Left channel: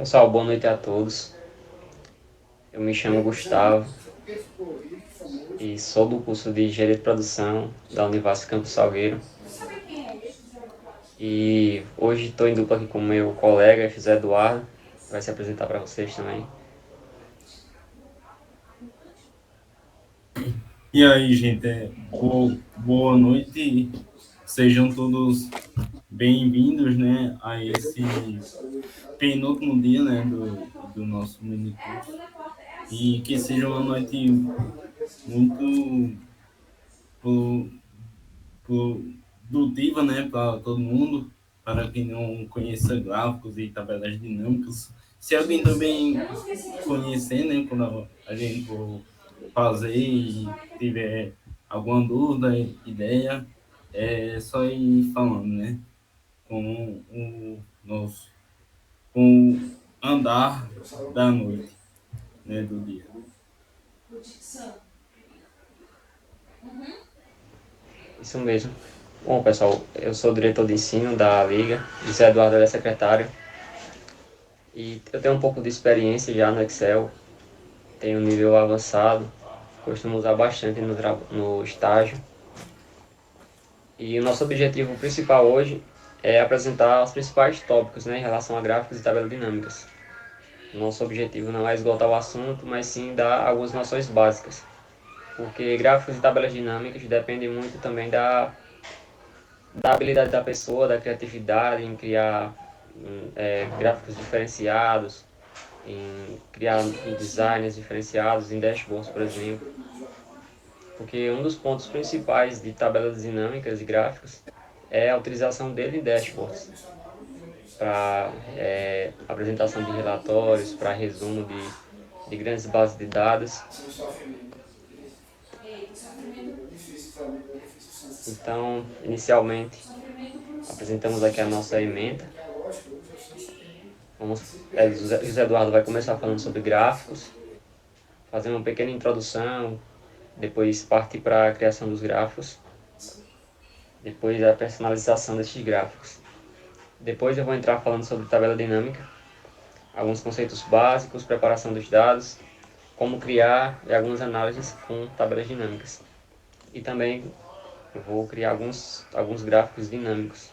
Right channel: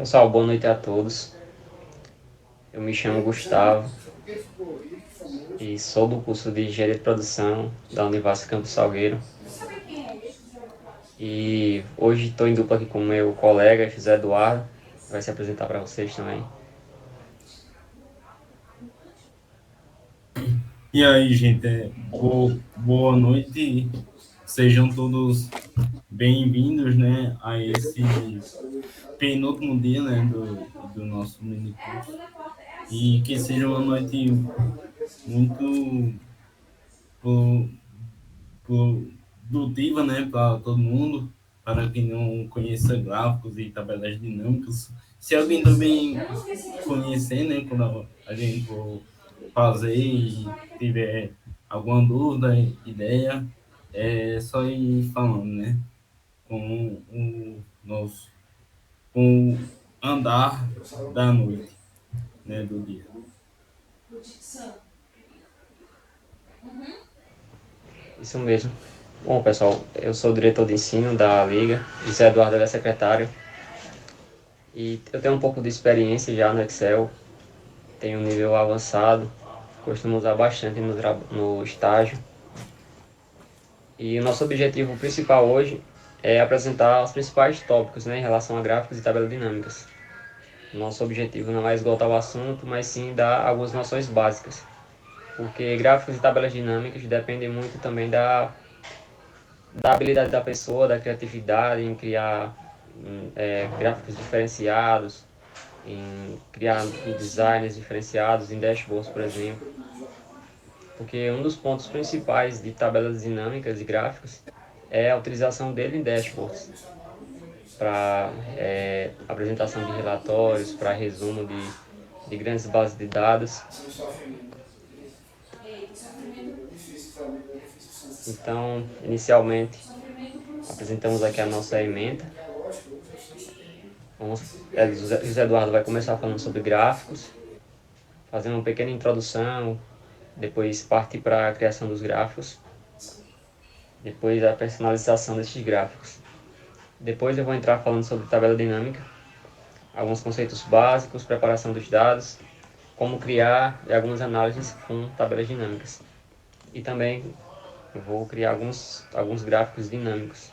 Pessoal, boa noite a todos. Eu me chamo Gustavo e sou do curso de Engenharia de Produção da Univasf Campus Salgueiro. E hoje estou em dupla aqui com o meu colega José Eduardo, que vai se apresentar para vocês também. E aí, gente, boa noite. Sejam todos bem-vindos, né, a esse penúltimo dia, né, do nosso mini curso. E que seja uma noite muito pro- produtiva, né, para todo mundo, para quem não conheça gráficos e tabelas dinâmicas. Se alguém também conhecer, né, quando a gente for fazer e tiver alguma dúvida, ideia, é só ir falando, né, com o nosso, com o andar da noite, né, do dia. Isso mesmo. Bom, pessoal, eu sou o diretor de ensino da Liga, José Eduardo é secretário, e eu tenho um pouco de experiência já no Excel, tenho um nível avançado, costumo usar bastante no estágio. E o nosso objetivo principal hoje é apresentar os principais tópicos, né, em relação a gráficos e tabelas dinâmicas. Nosso objetivo não é esgotar o assunto, mas sim dar algumas noções básicas, porque gráficos e tabelas dinâmicas dependem muito também da habilidade da pessoa, da criatividade em criar gráficos diferenciados, em criar designs diferenciados, em dashboards, por exemplo. Porque um dos pontos principais de tabelas dinâmicas e gráficos é a utilização dele em dashboards, para apresentação de relatórios, para resumo de grandes bases de dados. Então, inicialmente, apresentamos aqui a nossa ementa. José Eduardo vai começar falando sobre gráficos, fazendo uma pequena introdução, depois partir para a criação dos gráficos, depois a personalização desses gráficos. Depois eu vou entrar falando sobre tabela dinâmica, alguns conceitos básicos, preparação dos dados, como criar e algumas análises com tabelas dinâmicas. E também eu vou criar alguns gráficos dinâmicos.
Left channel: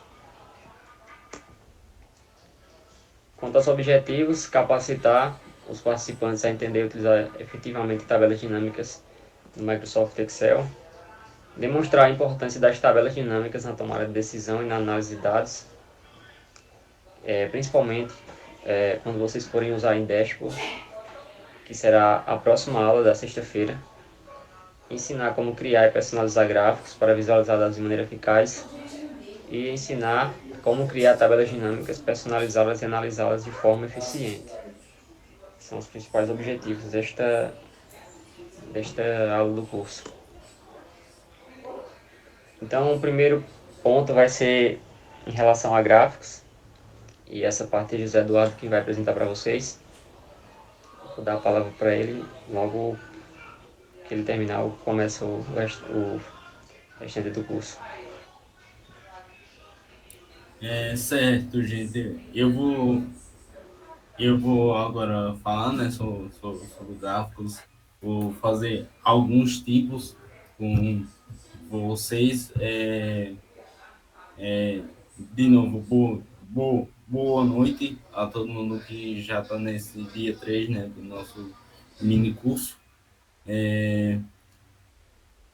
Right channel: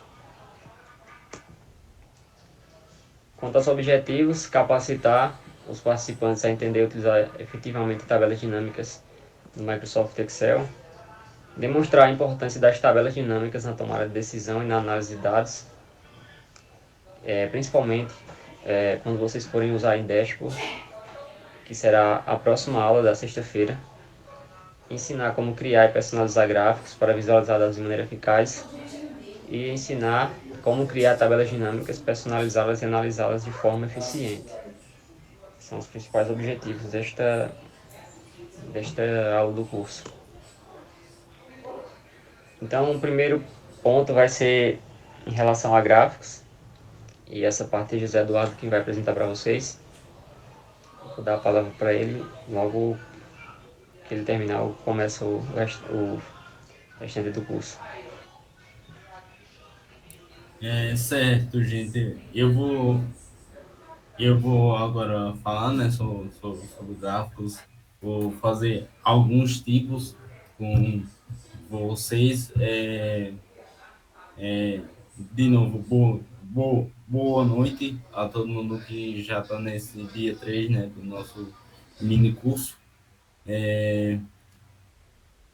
Quanto aos objetivos, capacitar os participantes a entender e utilizar efetivamente tabelas dinâmicas no Microsoft Excel, demonstrar a importância das tabelas dinâmicas na tomada de decisão e na análise de dados, principalmente quando vocês forem usar em dashboard, que será a próxima aula da sexta-feira. Ensinar como criar e personalizar gráficos para visualizar dados de maneira eficaz e ensinar como criar tabelas dinâmicas, personalizá-las e analisá-las de forma eficiente. São os principais objetivos desta aula do curso. Então, o primeiro ponto vai ser em relação a gráficos, e essa parte é José Eduardo que vai apresentar para vocês. Vou dar a palavra para ele, logo que ele terminar, eu começo o restante do curso. É certo, gente. Eu vou agora falar, né, sobre gráficos. Vou fazer alguns tipos com vocês. De novo, boa noite a todo mundo que já está nesse dia 3, né, do nosso mini curso.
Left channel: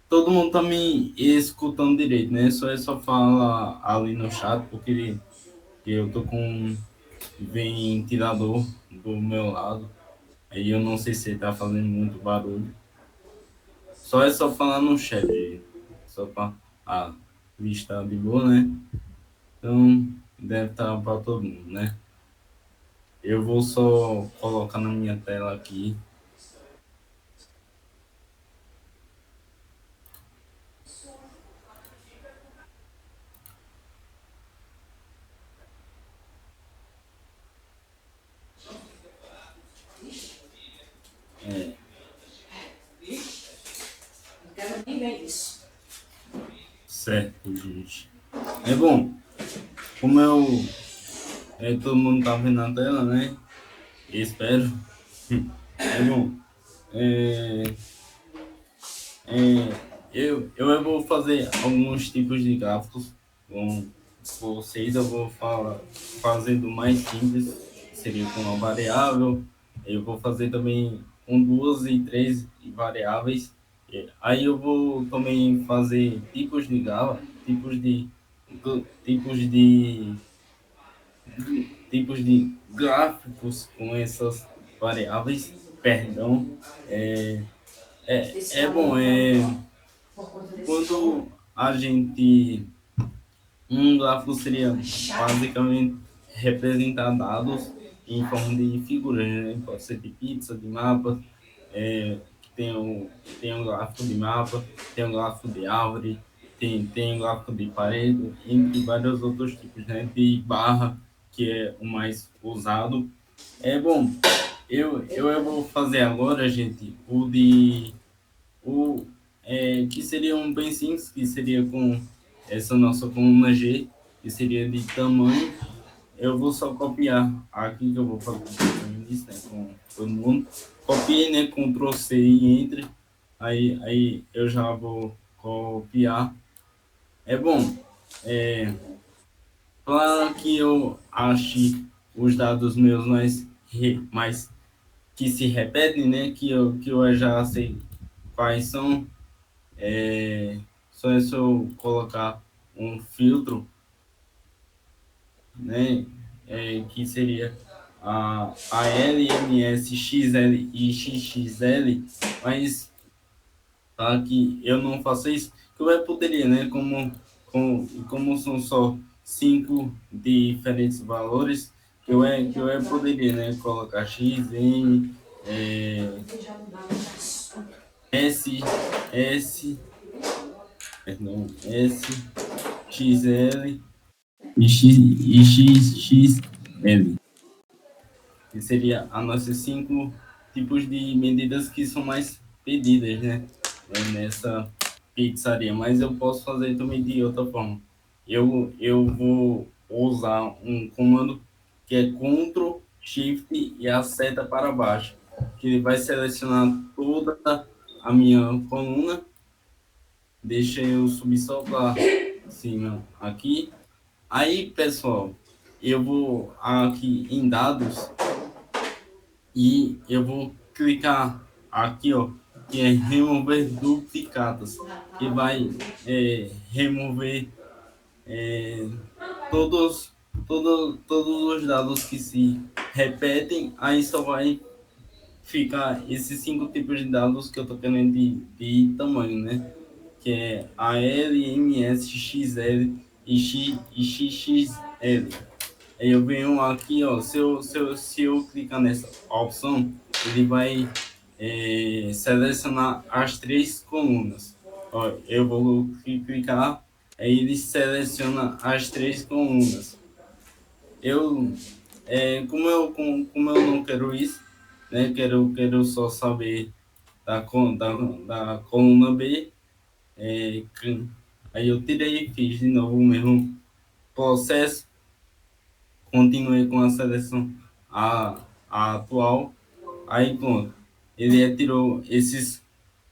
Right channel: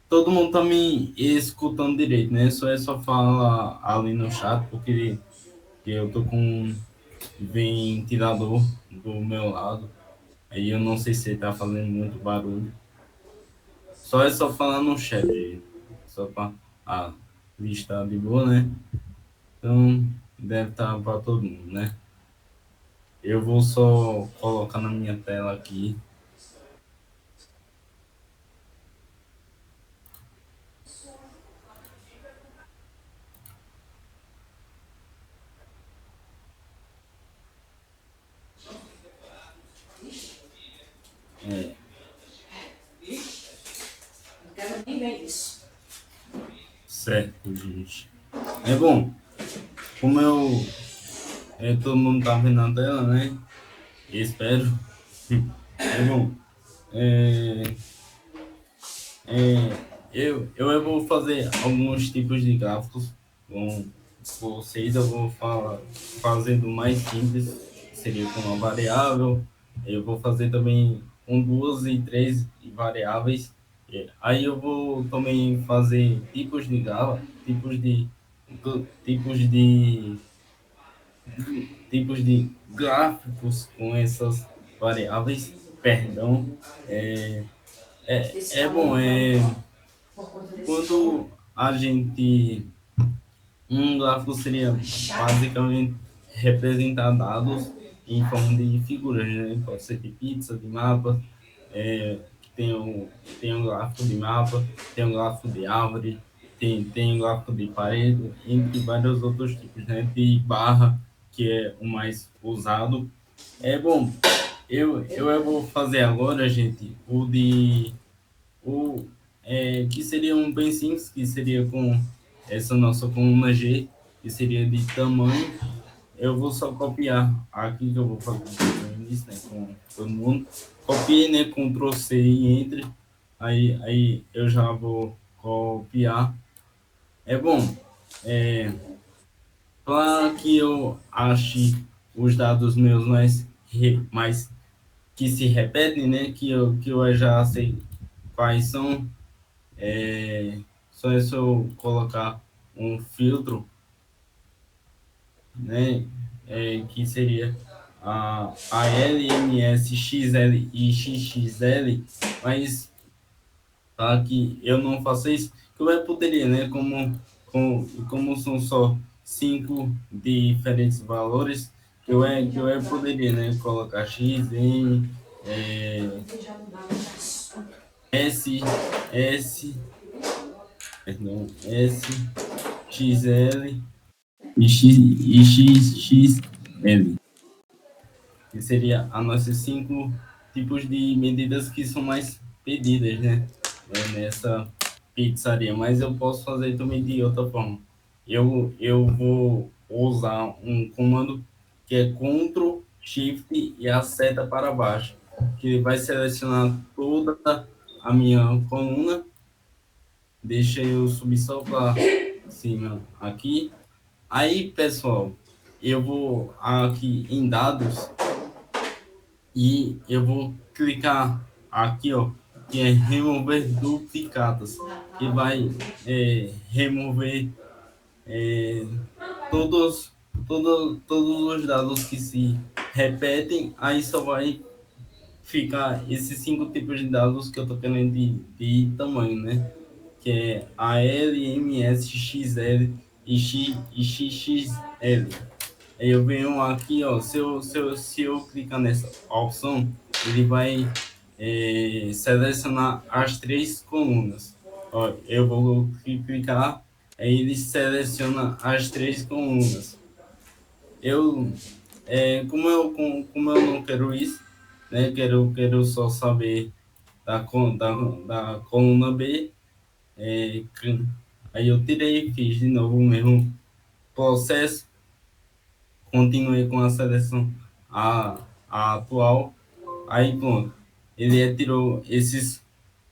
Todo mundo está me escutando direito, né? Só fala ali no chat, porque eu tô com um ventilador do meu lado. Aí eu não sei se está fazendo muito barulho. Só falar no chat, gente. Só para a vista de boa, né? Então deve estar para todo mundo, né? Eu vou só colocar na minha tela aqui. É, certo, gente. Bom, como todo mundo tá vendo na tela, né? espero. É bom, é, eu vou fazer alguns tipos de gráficos com vocês. Eu vou fazer do mais simples, que seria com uma variável. Eu vou fazer também com duas e três variáveis. Aí eu vou também fazer tipos de tipos de gráficos com essas variáveis. Perdão. É, é bom, quando a gente. Um gráfico seria basicamente representar dados em forma de figuras, né? Pode ser de pizza, de mapa, tem um gráfico de mapa, tem um gráfico de árvore, tem um gráfico de parede, entre vários outros tipos, né? De barra, que é o mais usado. É bom, eu vou fazer agora, gente, o que seria um bem simples, que seria com essa nossa coluna G, que seria de tamanho. Eu vou só copiar aqui, que eu vou fazer isso, né, com todo mundo. Copiei, né, Ctrl C e Enter. Aí eu já vou copiar. É bom, é, para que eu ache os dados meus mais que se repetem, né, que eu já sei quais são. Só é só eu colocar um filtro, né? Que seria a LMS, XL e XXL, mas para que eu não faça isso, que eu poderia, né? Como são só cinco diferentes valores, que eu poderia, né? Colocar X, N, S, S, perdão, S, XL XXL, que seria as nossas cinco tipos de medidas que são mais pedidas, né? Nessa pizzaria. Mas eu posso fazer também de outra forma. Eu vou usar um comando que é Ctrl Shift e a seta para baixo, que ele vai selecionar toda a minha coluna. Deixa eu subir só para cima aqui. Aí, pessoal, eu vou aqui em dados e eu vou clicar aqui, ó, que é remover duplicatas, que vai remover é, todos, todos os dados que se repetem. Aí só vai ficar esses cinco tipos de dados que eu tô querendo de tamanho, né? Que é a L, M, S, X, L e XXL. Aí eu venho aqui, ó, se eu clicar nessa opção, ele vai selecionar as três colunas. Ó, eu vou clicar, aí ele seleciona as três colunas. Eu, como eu não quero isso, né, quero só saber da coluna B, é, aí eu tirei e fiz de novo o mesmo processo. Continuei com a seleção a atual. Aí pronto, ele tirou esses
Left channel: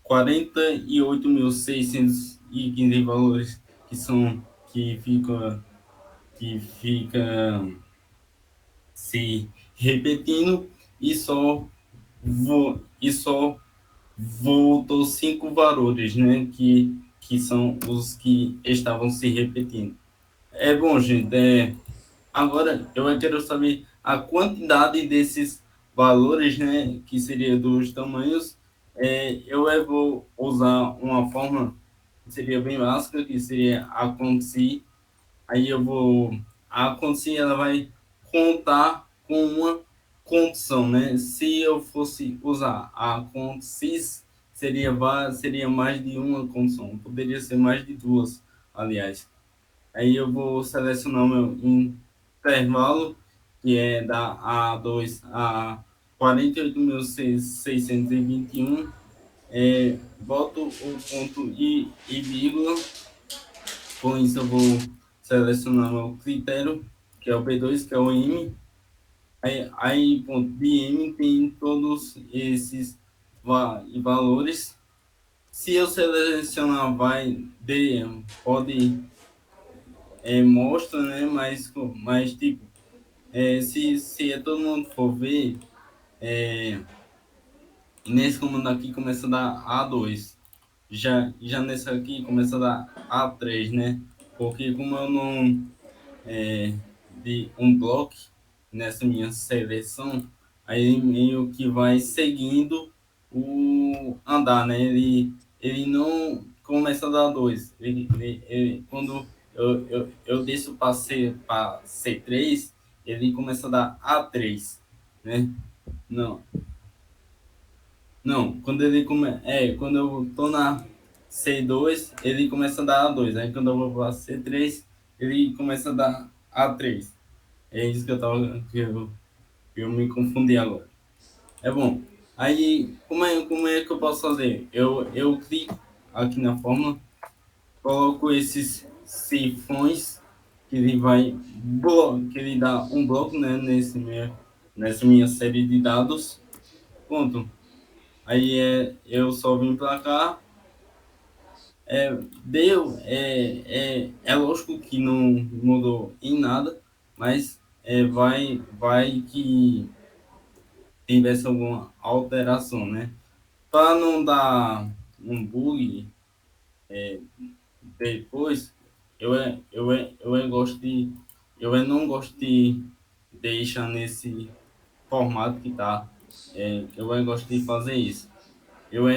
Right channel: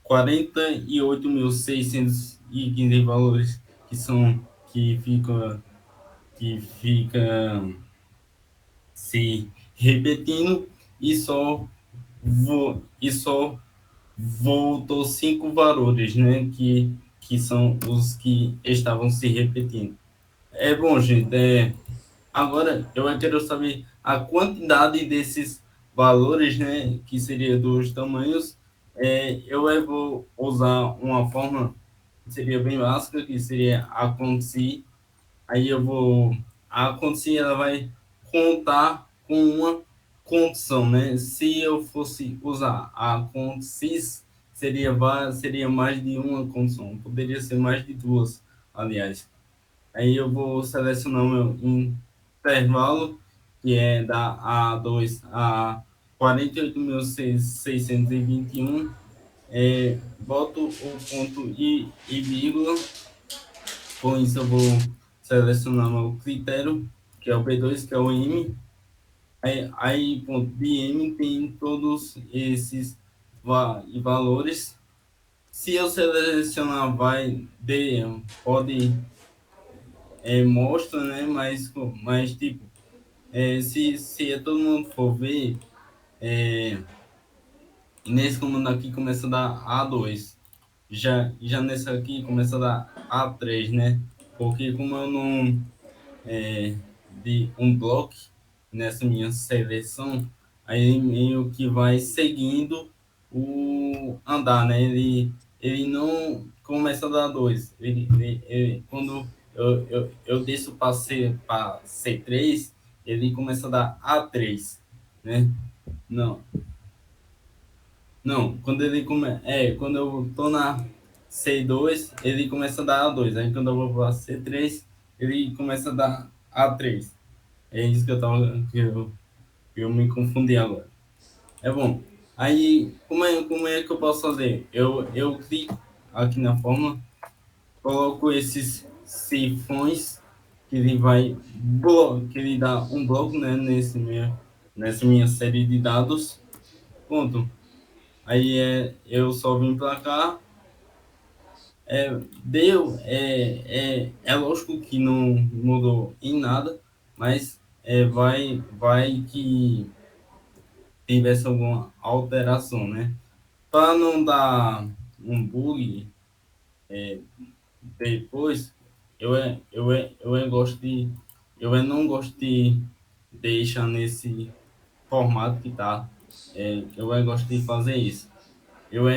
48.615 valores que são que fica se repetindo, e só voltou cinco valores, né, que são os que estavam se repetindo. É bom, gente, agora, eu quero saber a quantidade desses valores, né, que seria dos tamanhos. Eu vou usar uma forma que seria bem básica, que seria a consi. Aí a consi, ela vai contar com uma condição, né? Se eu fosse usar a consis, seria mais de uma condição. Poderia ser mais de duas, aliás. Aí eu vou selecionar o meu intervalo, que é da A2 a 48.621. Boto o ponto e vírgula. Com isso eu vou selecionar o meu critério, que é o B2, que é o M. Ponto, DM tem todos esses valores. Se eu selecionar, pode, mostra, né? Mas tipo, se todo mundo for ver, nesse comando aqui começa a dar A2. Já nesse aqui começa a dar A3, né? Porque como eu não de um bloco nessa minha seleção, aí meio que vai seguindo o andar, né? Ele não começa a dar dois. Quando eu desço para C3, ele começa a dar A3, né? Não, não, quando eu tô na C2, ele começa a dar A2. Aí quando eu vou para C3, ele começa a dar A3. É isso que eu me confundi agora. É bom. Aí, como é que eu posso fazer? Eu clico aqui na fórmula, coloco esses sifões que ele dá um bloco, né, nessa minha série de dados. Pronto. Aí eu só vim para cá. É lógico que não mudou em nada, mas vai que tivesse alguma alteração, né? Para não dar um bug depois, eu não gosto de deixar nesse formato que tá. Gosto de fazer isso. Eu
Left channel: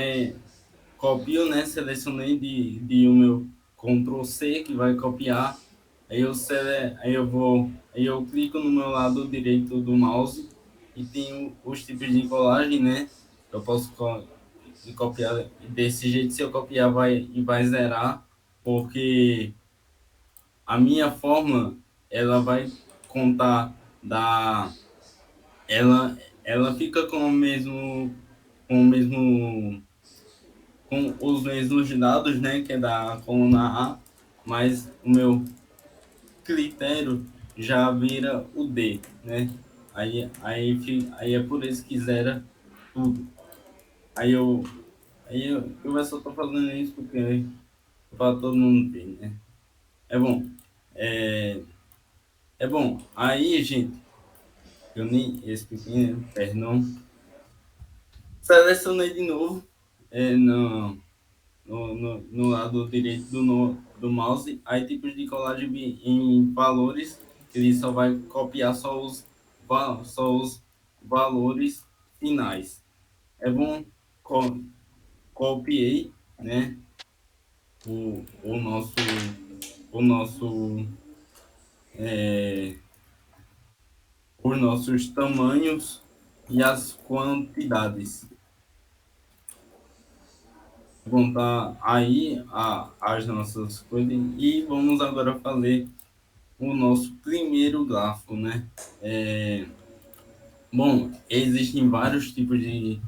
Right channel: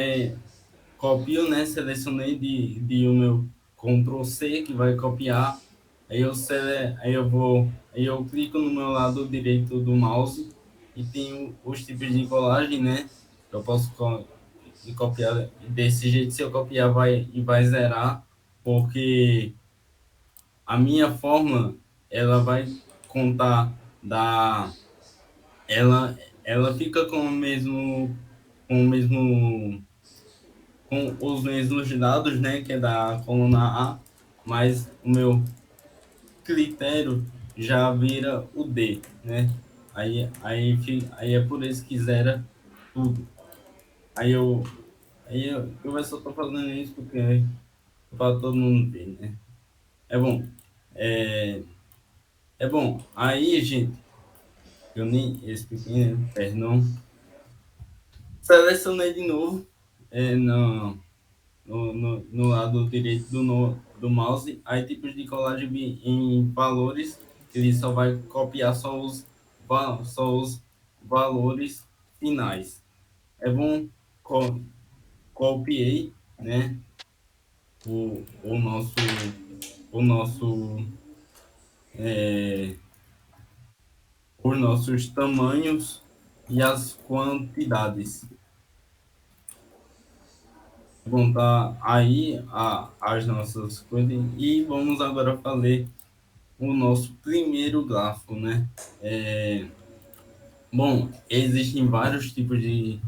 copio, né? Selecionei de o meu Ctrl C que vai copiar. Aí eu clico no meu lado direito do mouse e tem os tipos de colagem, né? Eu posso copiar desse jeito. Se eu copiar, vai zerar, porque a minha forma ela vai contar da ela fica com o mesmo com os mesmos dados, né, que é da coluna A, mas o meu critério já vira o D, né? Aí é por isso que zera tudo. Aí eu só tô fazendo isso porque para todo mundo ver, né? É bom. É, é bom. Aí, gente, eu nem esse pequeno, perdão. Selecionei de novo. Não. No lado direito do mouse, aí tipos de colagem em valores, ele só vai copiar só os valores finais. É bom, co, copiei, né, o, o nosso, o nosso, é, os nossos tamanhos e as quantidades. Vão estar aí as nossas coisas e vamos agora fazer o nosso primeiro gráfico, né? Bom, existem vários tipos de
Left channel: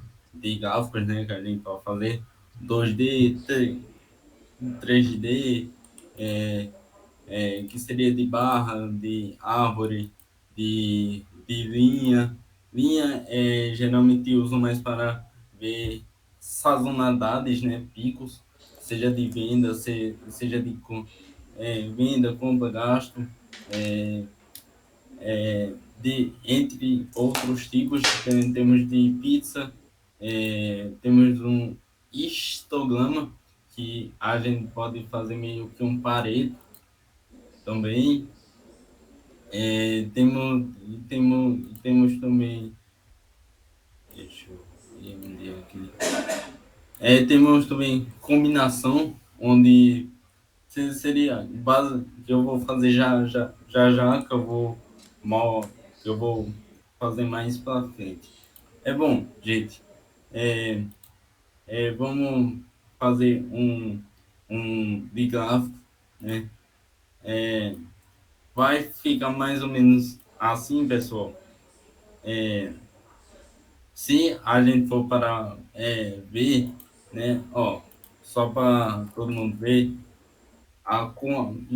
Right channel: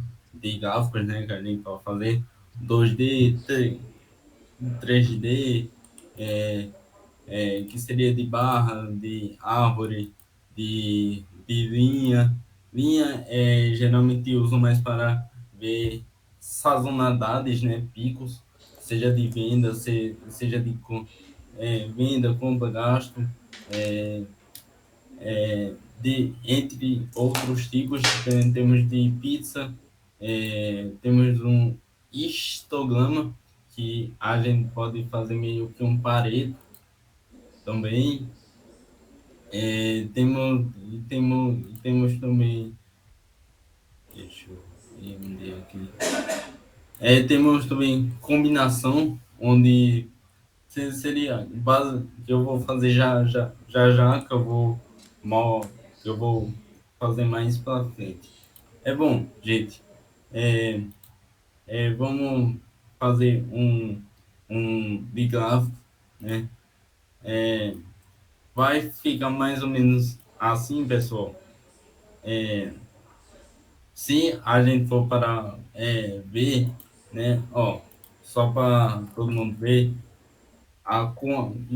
gráficos, né, que a gente pode fazer. 2D, 3D, que seria de barra, de árvore, de linha. Linha geralmente usam mais para ver sazonalidades, né, picos, seja de venda, seja de venda, compra, gasto. É, Entre outros tipos, temos de pizza, temos um histograma, que a gente pode fazer meio que um pareto também. Temos também, deixa eu ver onde é aqui. Temos também combinação, onde seria base que eu vou fazer já que que eu vou fazer mais para frente. É bom, gente. É, Vamos fazer um de gráfico, né? Vai ficar mais ou menos assim, pessoal. Se a gente for para ver, né? Ó, só para todo mundo ver a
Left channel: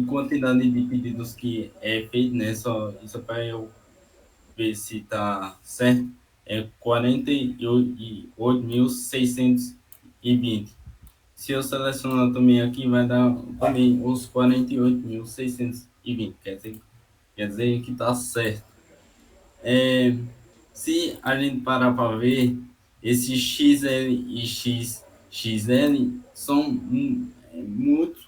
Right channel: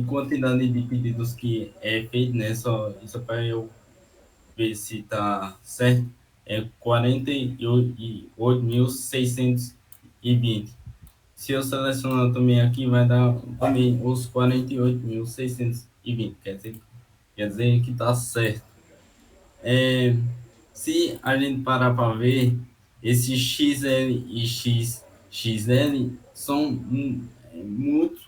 quantidade de pedidos que é feito, né? Só isso para eu ver se tá certo, é 48.620. Se eu selecionar também aqui, vai dar também os 48.620. Quer dizer que tá certo. É, se a gente parar para ver, esses XL e XXL são muito,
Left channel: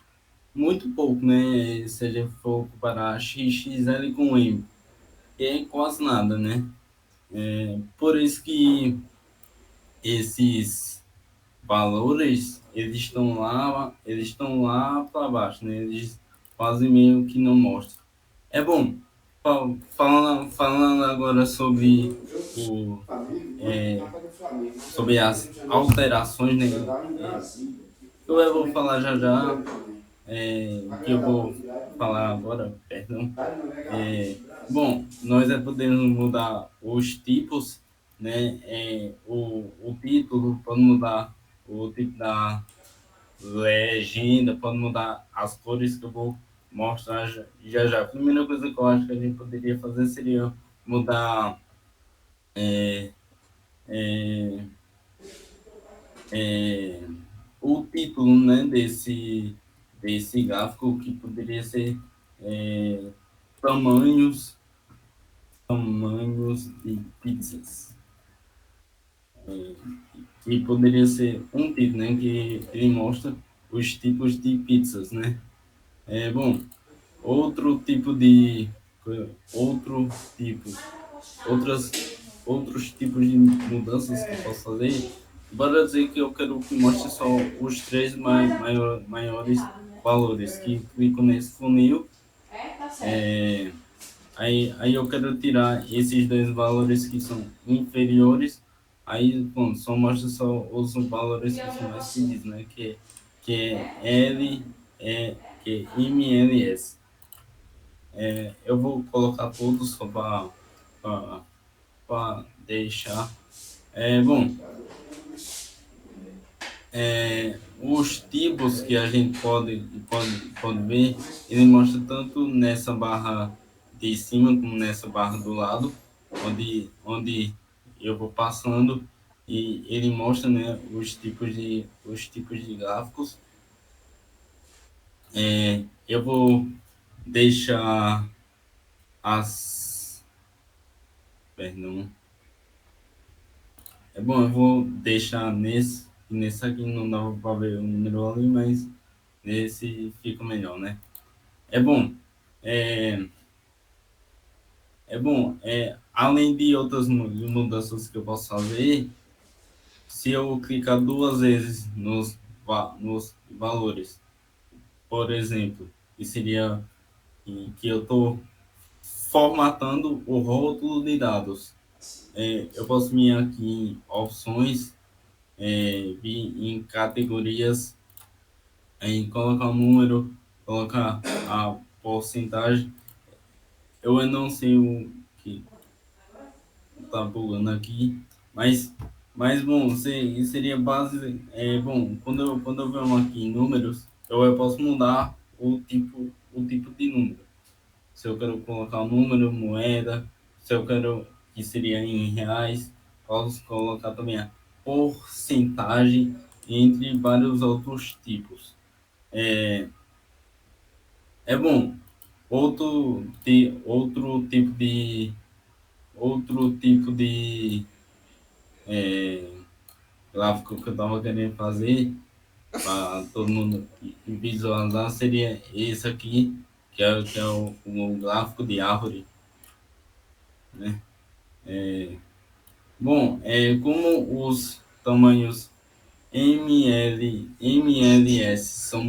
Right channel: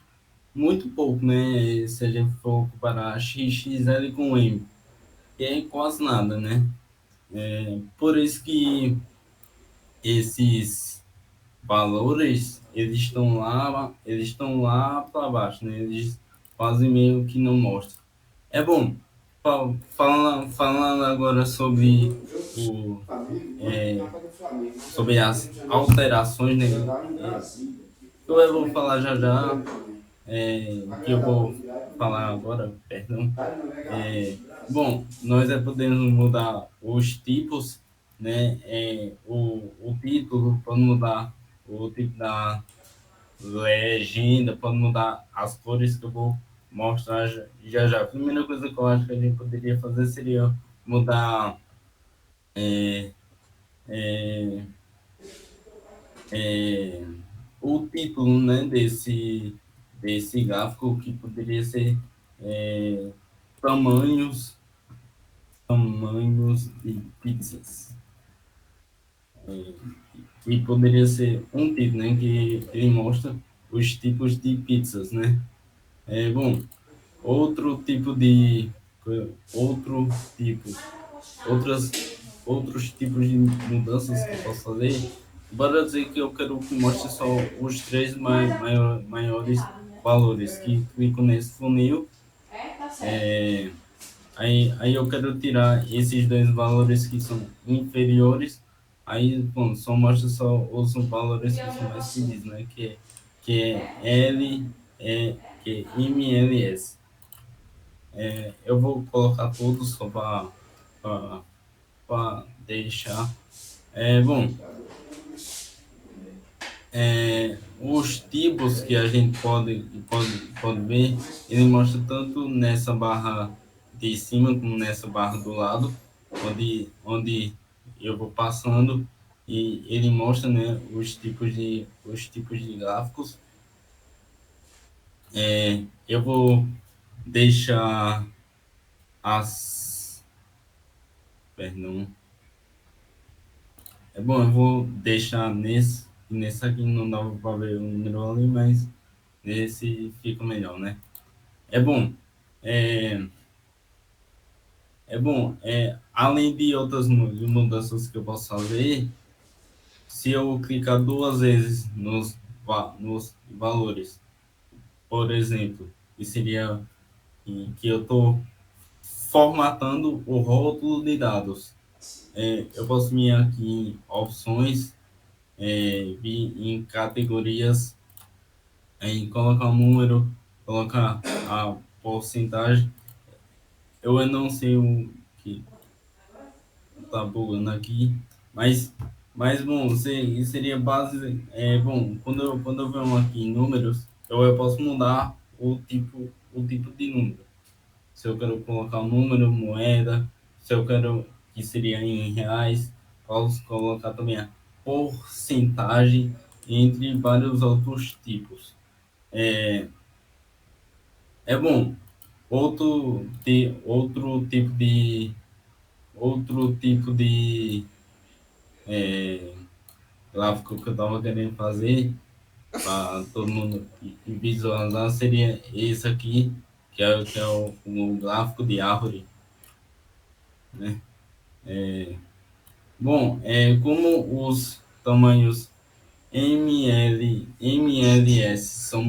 muito pouco, né? Se a gente for comparar XXL com M, que é quase nada, né? Por isso que esses valores, eles estão lá para baixo, né? Eles quase meio que não mostram. É bom, falando agora o, é, sobre as alterações, né? Eu vou falar já já, que eu vou falar agora, perdão. Bom, nós podemos mudar os tipos, né? O título pode mudar, o tipo da legenda pode mudar, as cores que eu vou mostrar já já. A primeira coisa que eu acho que a gente poderia fazer seria mudar é, é, o título, né, desse gráfico, que poderia ser é, tamanhos, tamanhos de pizzas. E poderia ser um título, né, que ele mostra os tipos de pizzas, né? Bom, outro tipo de outro tipo outras outros tipos de mudanças que eu posso fazer. Bora dizer que eu quero que mostre só os três maiores valores, que clico nesse funil. Aí eu quero tirar esses dois valores que são inferiores. Aí, bom, só mostra só os valores que são mais pedidos, né? Que é que é MLS. Eu vou colocar todos só para deixar. Bom, os tipos que a gente pode ver, ele mostra tanto nessa barra de cima como nessa barra do lado, onde eu vou passando, e ele mostra, né, os tipos de gráficos. Eu vou deixar as. Perdão. Bom, eu vou deixar nesse aqui, não dá para ver o número ali, mas nesse fica melhor, né? É bom. É, além de outras mudanças que eu posso fazer, se eu clicar duas vezes nos valores, por exemplo, que seria que eu estou formatando o rótulo de dados. Eu posso vir aqui em opções, vir em categorias, aí colocar o número, colocar a porcentagem. Eu ainda não sei o que tá bugando aqui, mas bom, seria base. Bom, quando eu venho aqui em números, eu posso mudar o tipo de número. Se eu quero colocar o número, moeda, se eu quero que seria em reais, posso colocar também a porcentagem, entre vários outros tipos. Bom, outro tipo de gráfico que eu estava querendo fazer para todo mundo visualizar seria esse aqui, que é o gráfico de árvore, né? Bom, como os tamanhos MLS são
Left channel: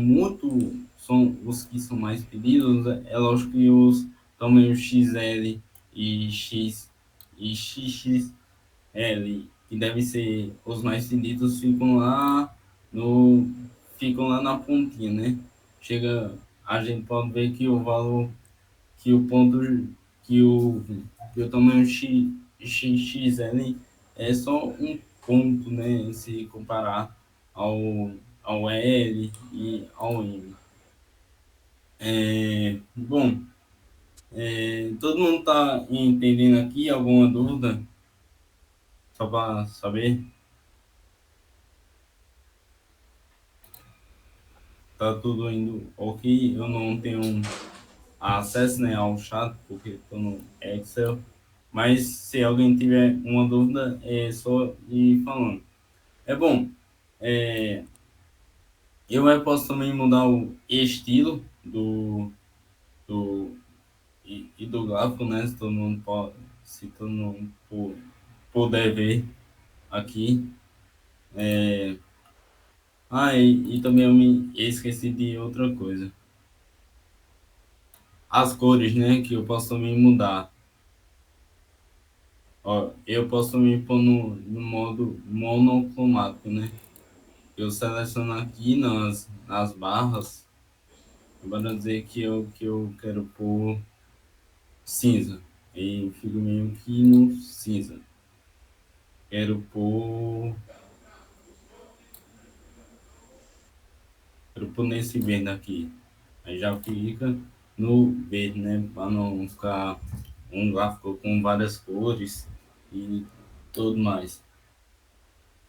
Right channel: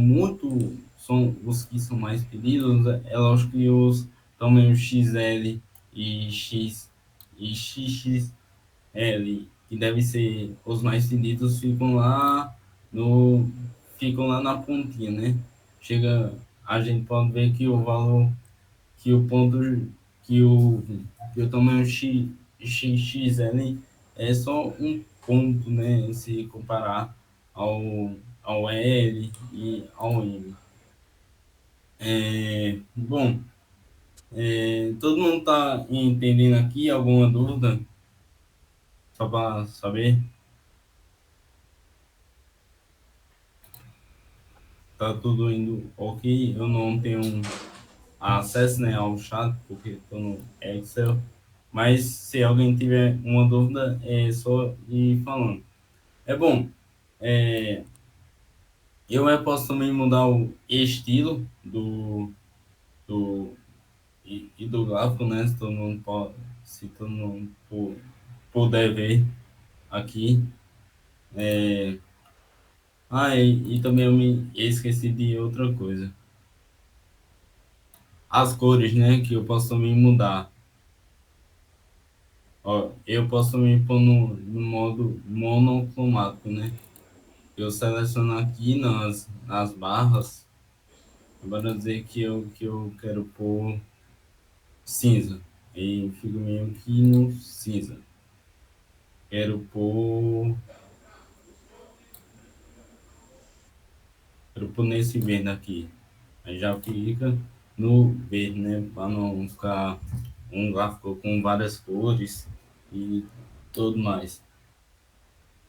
os que são mais pedidos, é lógico que os tamanhos XL e XXL, que devem ser os mais pedidos, no, ficam lá na pontinha, né? A gente pode ver que o valor, que o ponto, que o, que o tamanho XXL é só um ponto, né? Se comparar ao L e ao M. Bom, Todo mundo está entendendo aqui? Alguma dúvida? Só para saber. Tá tudo indo ok. Eu não tenho acesso, né, ao chat porque estou no Excel. Mas se alguém tiver uma dúvida, é só ir falando. É bom. é, posso também mudar o estilo do e do gráfico, né? Se todo mundo pode, se todo mundo puder ver aqui. E também eu me esqueci de outra coisa. As cores, né? Que eu posso também mudar. Ó, eu posso também pôr no modo monocromático, né? Eu seleciono aqui nas barras, para dizer que eu quero pôr cinza. E fico meio que no cinza. Quero pôr nesse verde aqui. Aí já fica no verde, né? Para não ficar um gráfico com várias cores e tudo mais.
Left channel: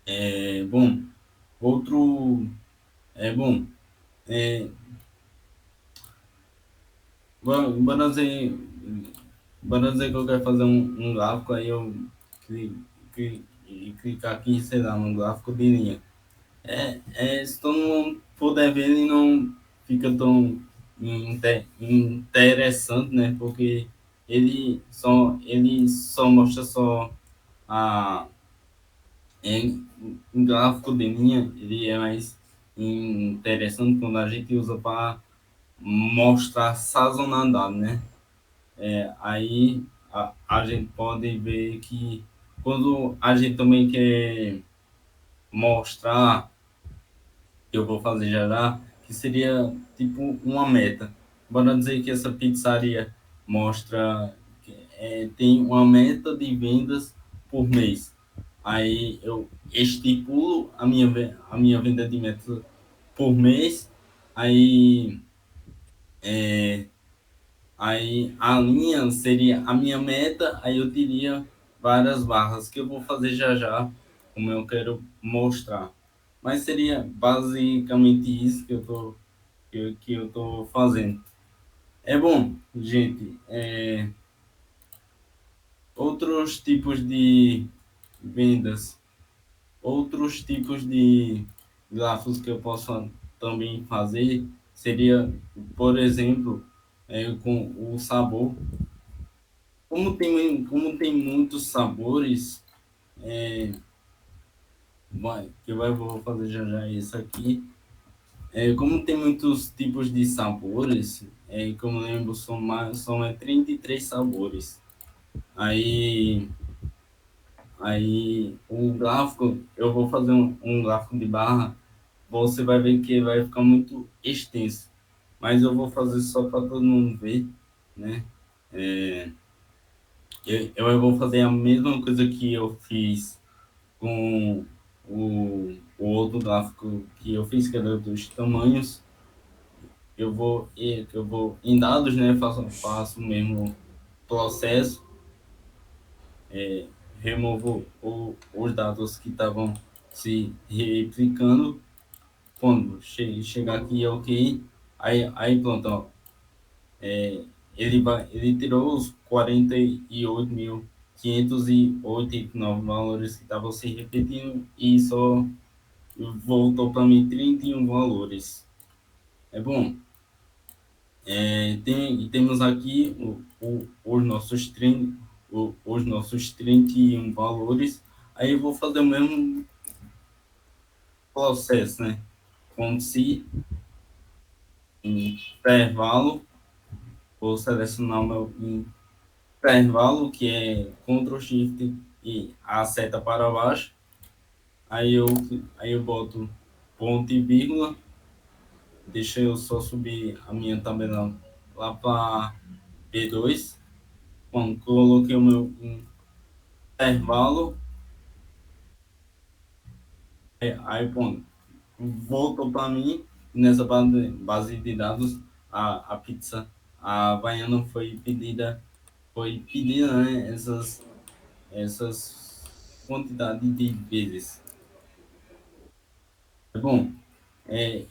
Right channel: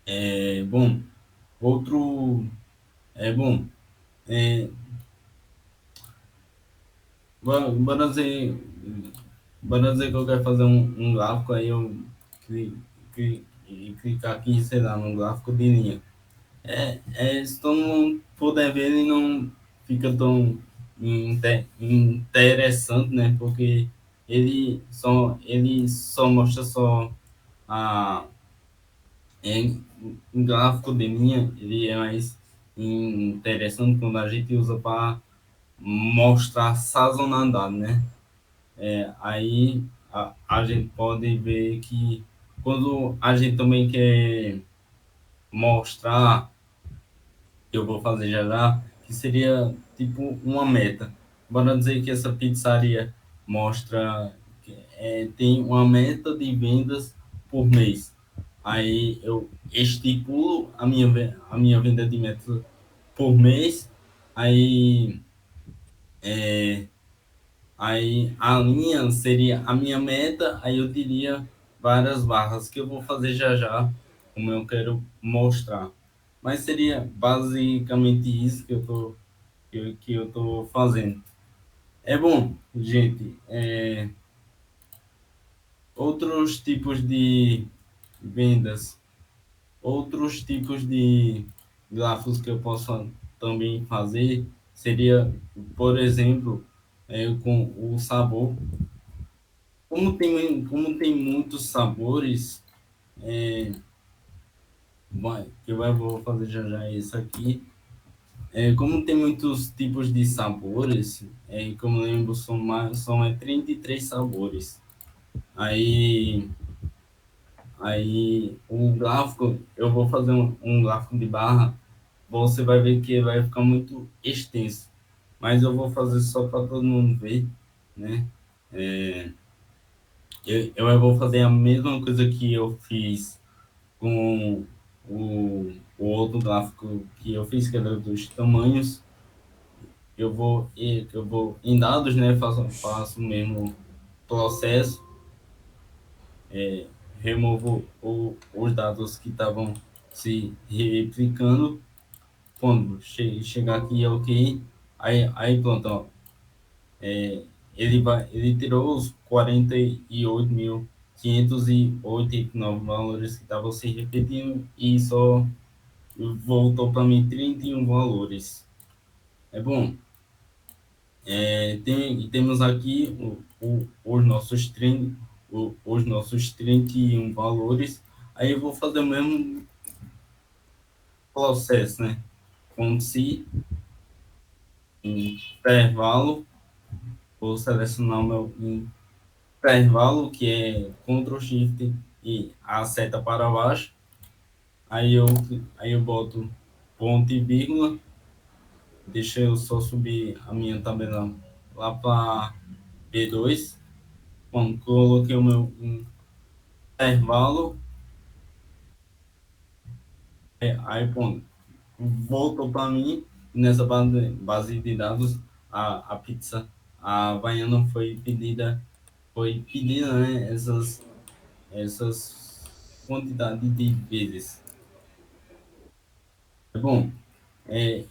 É bom. Outro é bom. É, bora dizer, bora dizer que eu quero fazer um gráfico, aí eu clicar aqui, sei lá, num gráfico de linha. Se todo mundo puder ver, ele não fica tão interessante, né? Porque ele só mostra só a em gráfico de linha, ele é mais interessante quando a gente usa para mostrar sazonalidade, né? Aí a gente pode ver que quando a gente também quer mostrar, que eu vou fazer já já, que seria tipo uma meta. Bora dizer que essa pizzaria mostra tem uma meta de vendas por mês. Aí eu estipulo a minha venda de meta por mês. Aí, é, aí a linha seria a minha meta. Aí eu teria várias barras que eu vou fazer já já, como eu quero mostrar. Mas seria basicamente isso que eu tô fazendo. É bom, gente. Outros tipos de vendas, outros tipos de gráficos que eu posso também fazer seria, por exemplo, com o sabor. Como tem muitos sabores, vou fazer já já isso aqui. Como tem muitos tipos de sabores, como eu lembro, são 33 sabores. Aí, aí o gráfico, eu vou fazer um gráfico de barra, você vai ver que vai ficar muito extenso. Mas eu vou fazer só para todo mundo ver, né? É, eu vou fazer a mesma coisa que eu fiz com o outro gráfico que eu fiz, que era dos tamanhos. Eu vou em dados, né? Faço o mesmo processo, removo os dados que estavam se replicando. Quando chegar aqui, ok. Aí pronto, ó. Ele tirou os 48.589 valores que estavam se repetindo e só voltou para mim 31 valores. É bom. Temos aqui os nossos 31 valores. Aí eu vou fazer o mesmo processo, né? Com se intervalo, vou selecionar o meu intervalo, que é Ctrl Shift e a seta para baixo. Aí eu, aí eu boto ponto e vírgula. Deixa eu só subir a minha tabela lá para B2. Quando coloquei o meu intervalo, aí pronto, voltou para mim nessa base de dados a pizza, a Havaiana foi pedida, né, essas quantidades de vezes. Bom,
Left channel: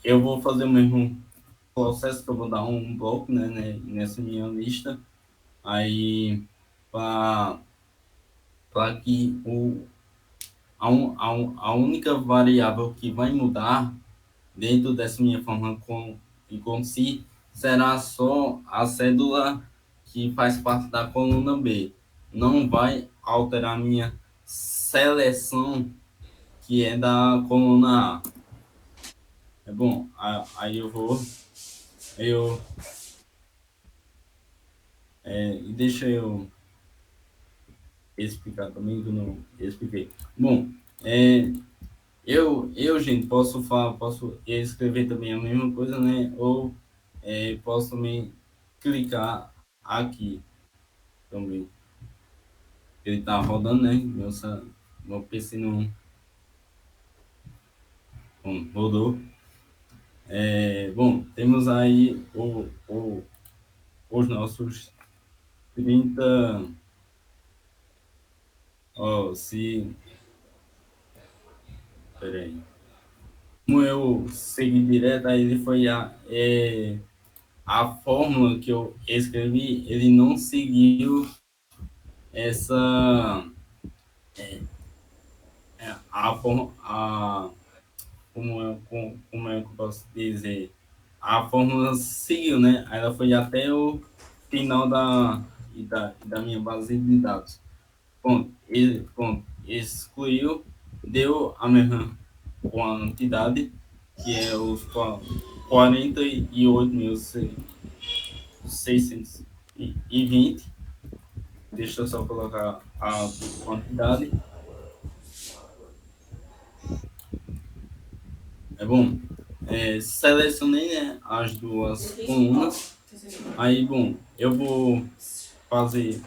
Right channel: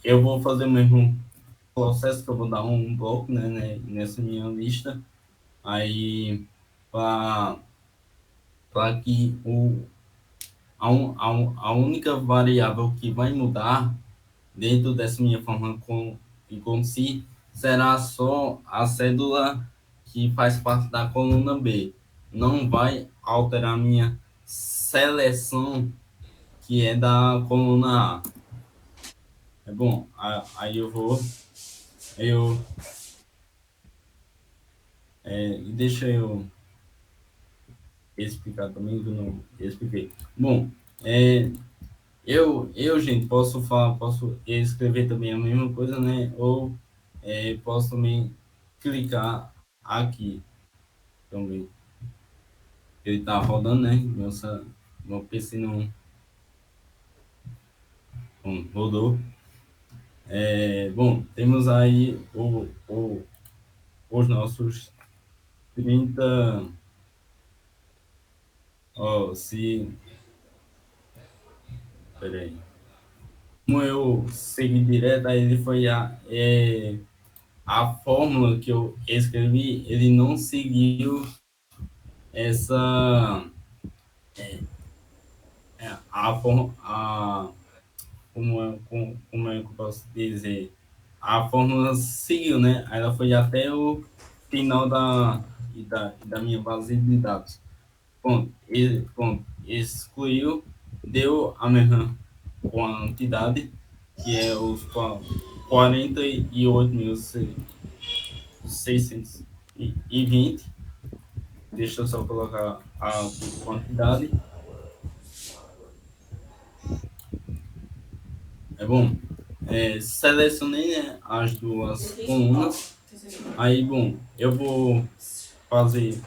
eu vou fazer o mesmo processo que eu vou dar um bloco, nessa minha lista, aí para que a única variável que vai mudar dentro dessa minha forma com si será só a cédula que faz parte da coluna B. Não vai alterar minha seleção, que é da coluna A. É bom, aí eu, deixa eu explicar também, que eu não expliquei. Bom, é, gente, posso escrever também a mesma coisa, né? Ou posso também clicar aqui também. Ele tá rodando, né? Meu PC não rodou. Bom, temos aí os nossos 30. Ó, peraí. Como eu segui direto, aí ele foi a fórmula que eu escrevi, ele não seguiu essa, como é que eu posso dizer? A fórmula seguiu, né? Aí ela foi até o final da minha base de dados. Ponto, excluiu, deu a mesma quantidade, que é os 48.620. Deixa eu só colocar a quantidade. É bom. Selecionei, né, as duas colunas. Aí, bom, eu vou fazer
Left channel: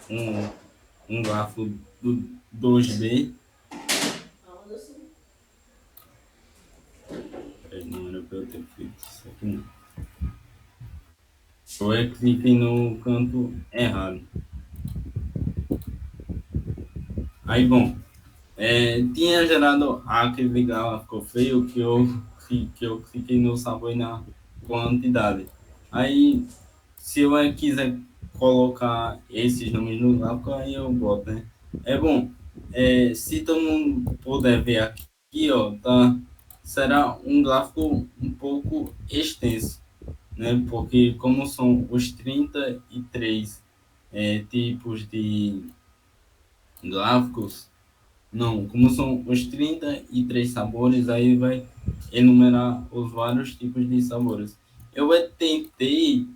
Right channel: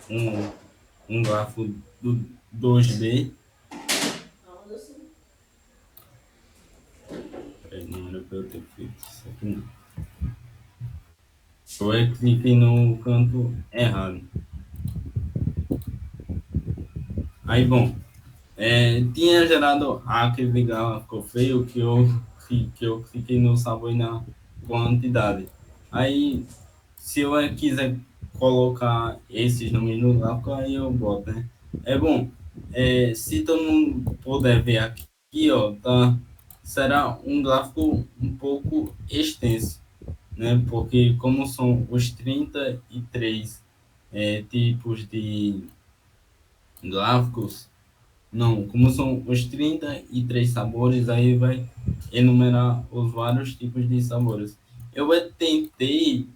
um gráfico do 2D. Não era para eu ter feito isso aqui, não. Eu cliquei no canto errado. Aí, bom, tinha gerado aquele gráfico feio que eu cliquei no sabor e na quantidade. Aí, se eu quiser colocar esses nomes no gráfico, aí eu boto, né? É bom, se todo mundo puder ver aqui, ó, tá? Será um gráfico um pouco extenso, né? Porque como são os 33 tipos de gráficos, não, como são os 33 sabores, aí vai enumerar os vários tipos de sabores. Eu tentei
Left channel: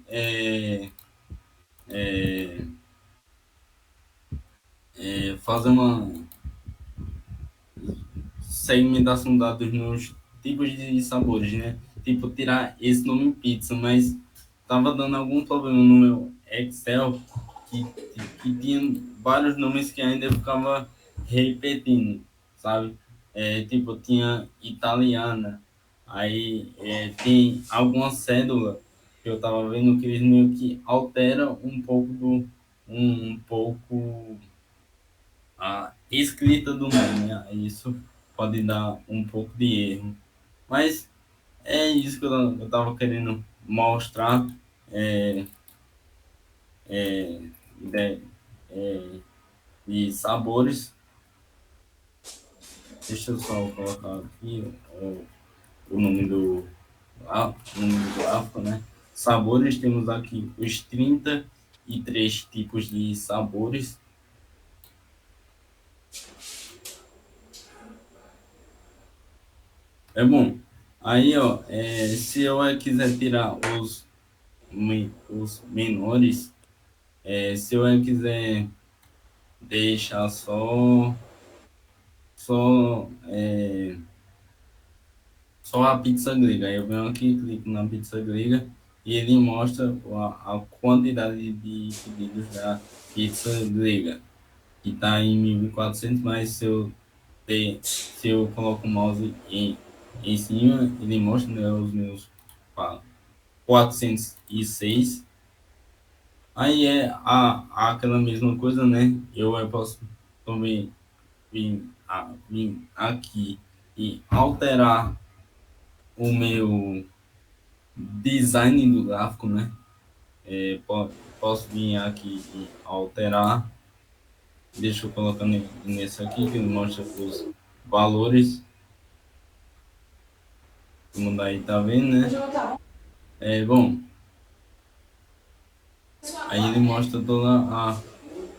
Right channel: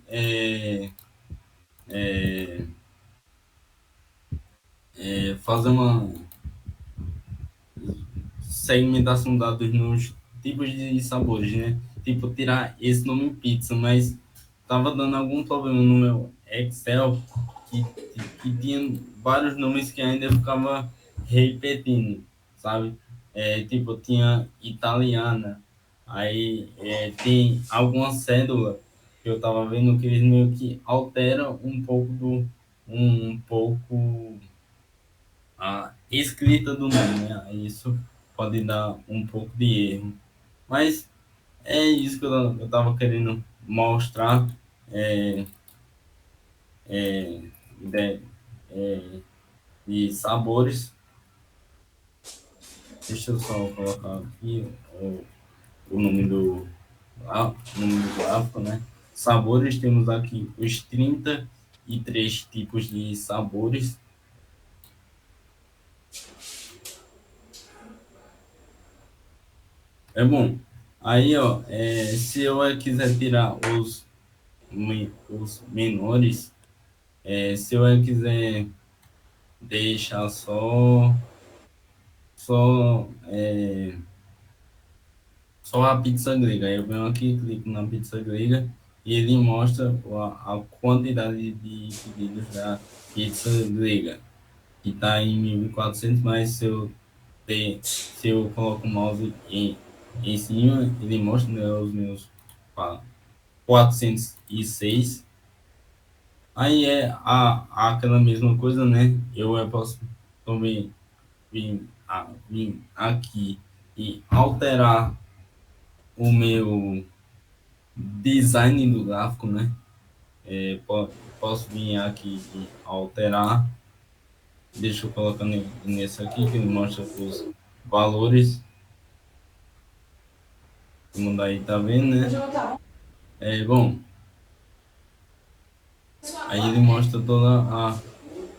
fazer uma segmentação de dados nos tipos de sabores, né? Tipo, tirar esse nome pizza, mas tava dando algum problema no meu Excel que tinha vários nomes que ainda ficava repetindo, sabe? Tipo, tinha italiana, aí tem alguma cédula que eu tava vendo que eles meio que alteram um pouco a escrita do nome, né? Isso pode dar um pouco de erro. Mas é isso que eu tava querendo mostrar, é, de, é, de sabores. Deixa eu só colocar aqui o nome o nome do gráfico, né? Sabores, temos aqui os 33 tipos de sabores. É bom. Aí, ó, se eu quiser tirar os menores, se eu quiser deixar só, só a pizza grega, aí eu venho aqui, clico na pizza grega e ele mostra a quantidade de pedidos da pizza grega, que está em 1.400, mas se eu coloco o mouse em cima, ele mostra, né, os meus 406. Aí é aquela mesma coisa, né? Eu posso também vir aqui e alterar o meu design do gráfico, né? Posso vir aqui e alterar. Deixa eu colocar nesse aqui que ele mostra os valores. Como daí tá vendo, né? Bom, aí ele mostra toda a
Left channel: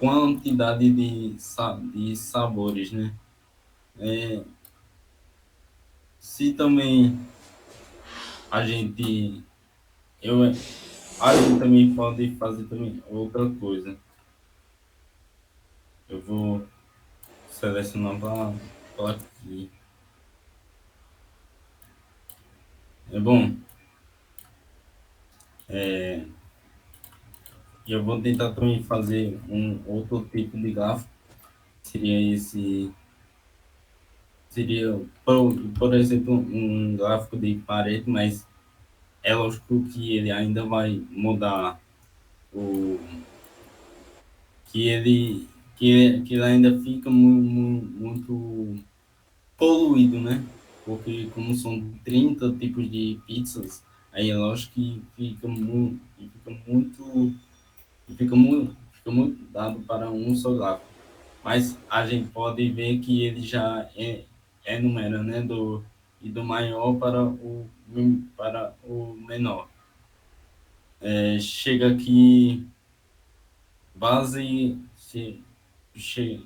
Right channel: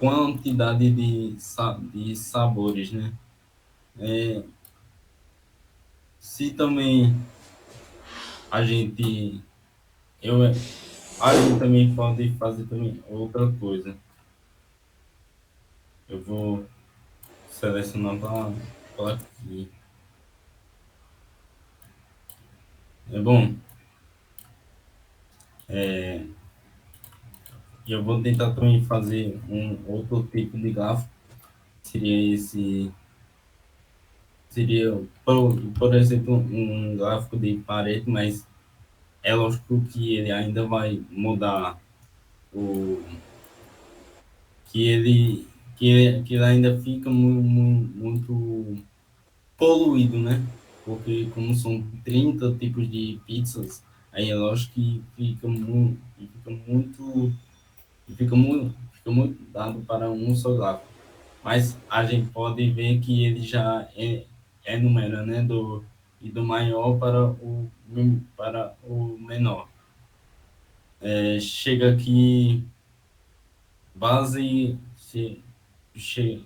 quantidade de sabores, né? É, se também a gente, eu, a gente também pode fazer também outra coisa. Eu vou selecionar para aqui. Bom, é, eu vou tentar também fazer um outro tipo de gráfico. Seria esse, seria, por exemplo, um gráfico de parede, mas é lógico que ele ainda vai mudar o que ele ainda fica muito poluído, né? Porque como são 30 tipos de pizzas, aí é lógico que fica muito dado para um só gráfico. Mas a gente pode ver que ele já enumera, né? Do maior para o menor. Chega aqui, base, che,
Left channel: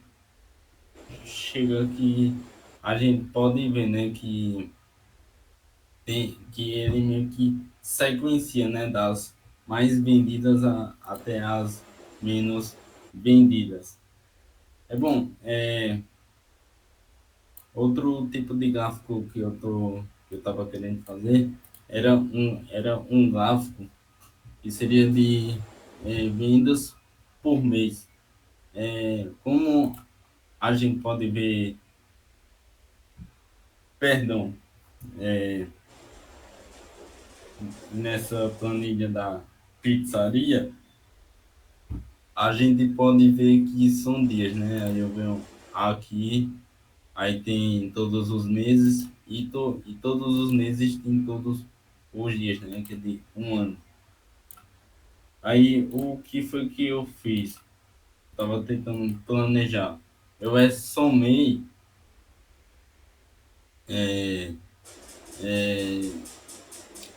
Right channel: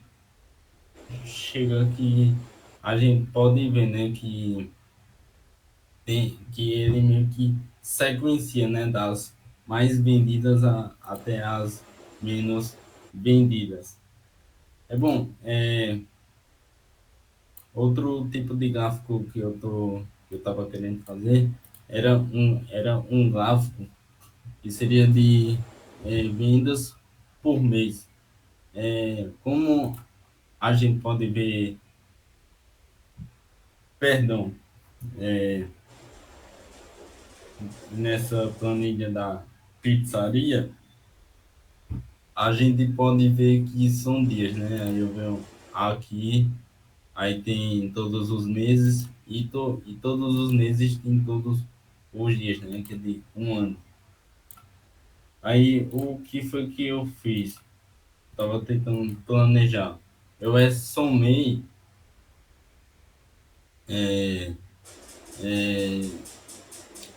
chega aqui, a gente pode ver, né? Que ele meio que sequencia, né? Das mais vendidas até as menos vendidas. Bom, outro tipo de gráfico que eu estava querendo fazer era um gráfico que seria de vendas por mês. Como a gente pode ver, perdão, é, nessa planilha da pizzaria, a gente pode ver que são dias, né? Aí eu venho aqui, aí tem todos os meses e todos os meses tem todos os dias, né? Que é de um ano. Aí o que foi que eu fiz? Tava tentando planejar. Eu somei é, é,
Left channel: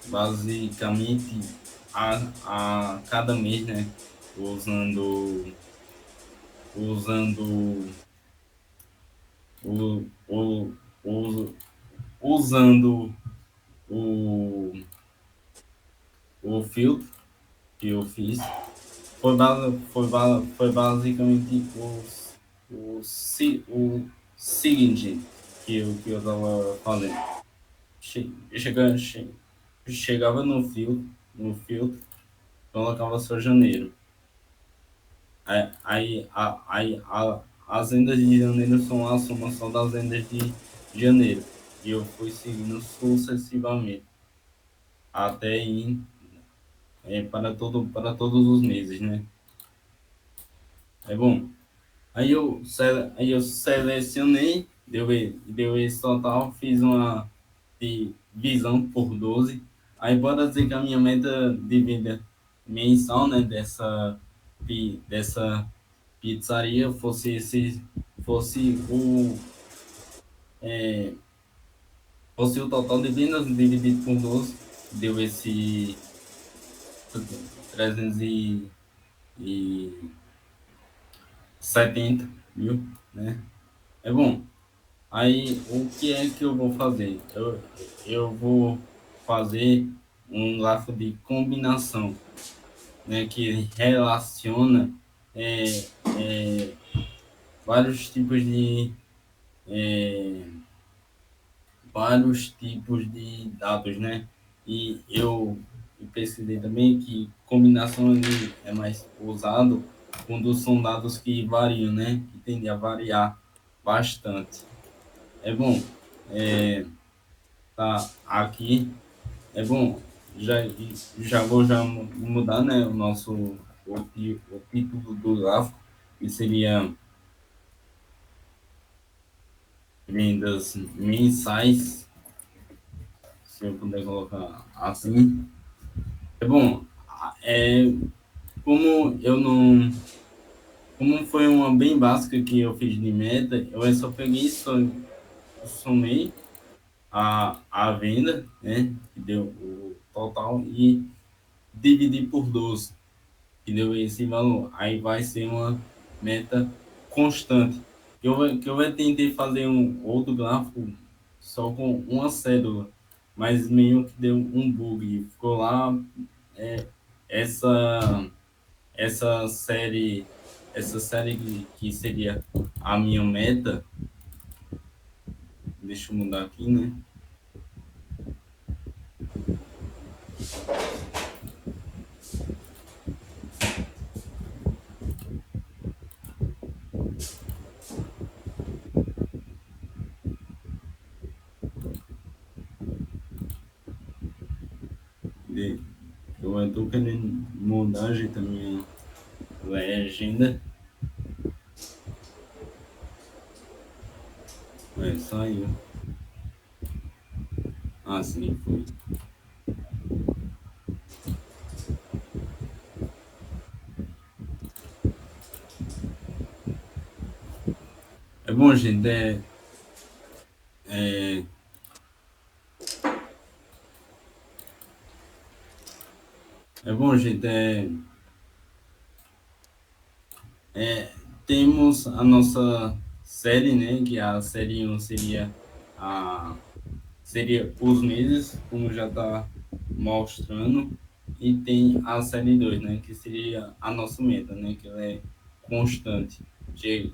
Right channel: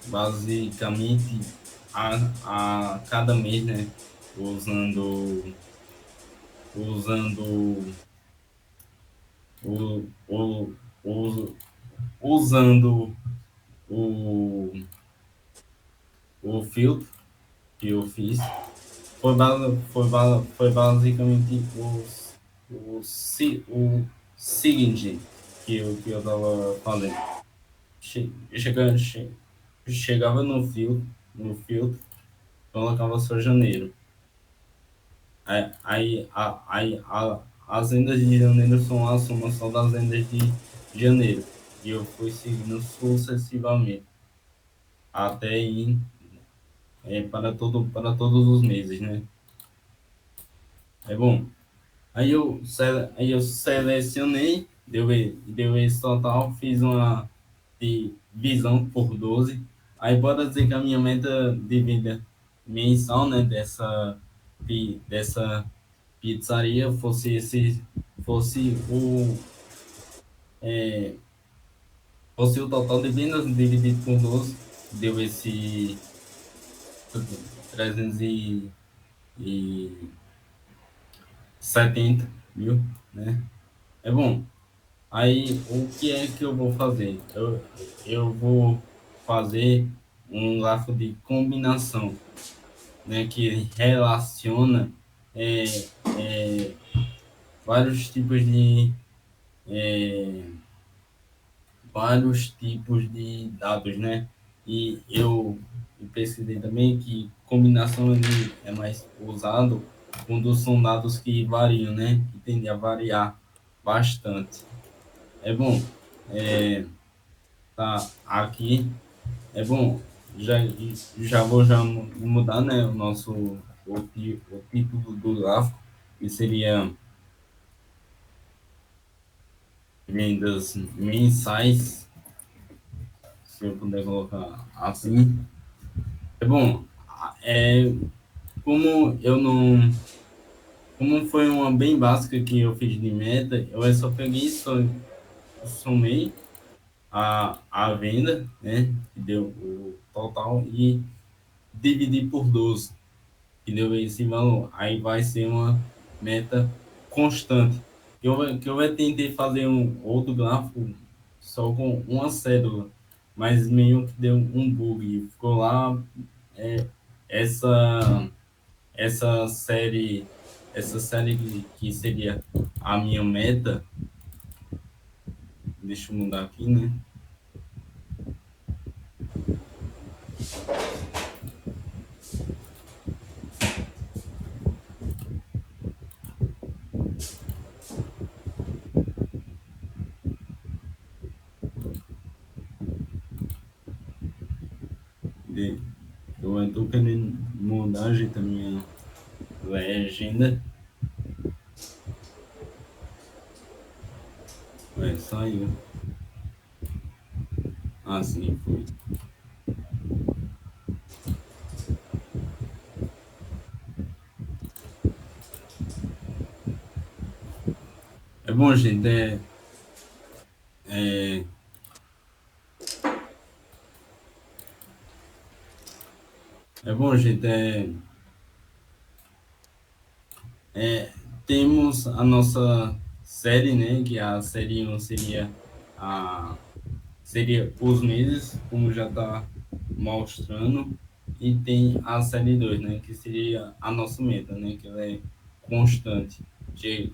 basicamente a cada mês, né? Usando usando o, o, o usando o, o filtro que eu fiz. Foi basicamente o seguinte que eu tava falando. Chegava, chegava no filtro, colocava só janeiro. As vendas de janeiro são a soma só das vendas de janeiro. E eu fui seguindo sucessivamente até ir para todos os meses, né? Bom. Aí eu selecionei, deu esse total, fiz uma divisão por 12. Aí bora dizer que a minha meta de venda mensal, né, dessa pizzaria fosse é, fosse o total de vendas dividido por 12, deu esse 370 mil, né? Bom. Aí, o que é que eu vou fazer? Eu vou fazer um grafo de combinação, né, que relaciona é, é, vários tipos é, vários tipos de dados, né? E eu pesquisei também que combinação ele é mais usado quando são dados que variam, né? Que tendem a variar bastante. Bom, é, tá aqui. Bom, já, já vou mudar, né, o título do gráfico, que seria vendas mensais, se eu puder colocar assim. É bom, é, como eu não. Como foi uma bem básica que eu fiz de meta, eu só peguei e somei a venda, né? Que deu o total, e dividi por 12 que deu esse valor. Aí vai ser uma meta constante. Que eu tentei fazer um outro gráfico só com uma cédula, mas meio que deu um bug. Ficou lá é, essa essa série que seria a minha meta. Deixa eu mudar aqui, né? Eu estou querendo mudar, gente, a minha legenda. Saiu. Ah, sim, foi. É bom, gente, é, é bom, gente, é, temos a nossa série, né? Que a série 1 a, seria os meses, como já está mostrando, e tem a série 2, né? Que seria a nossa meta, né? Que ela é constante. Chega,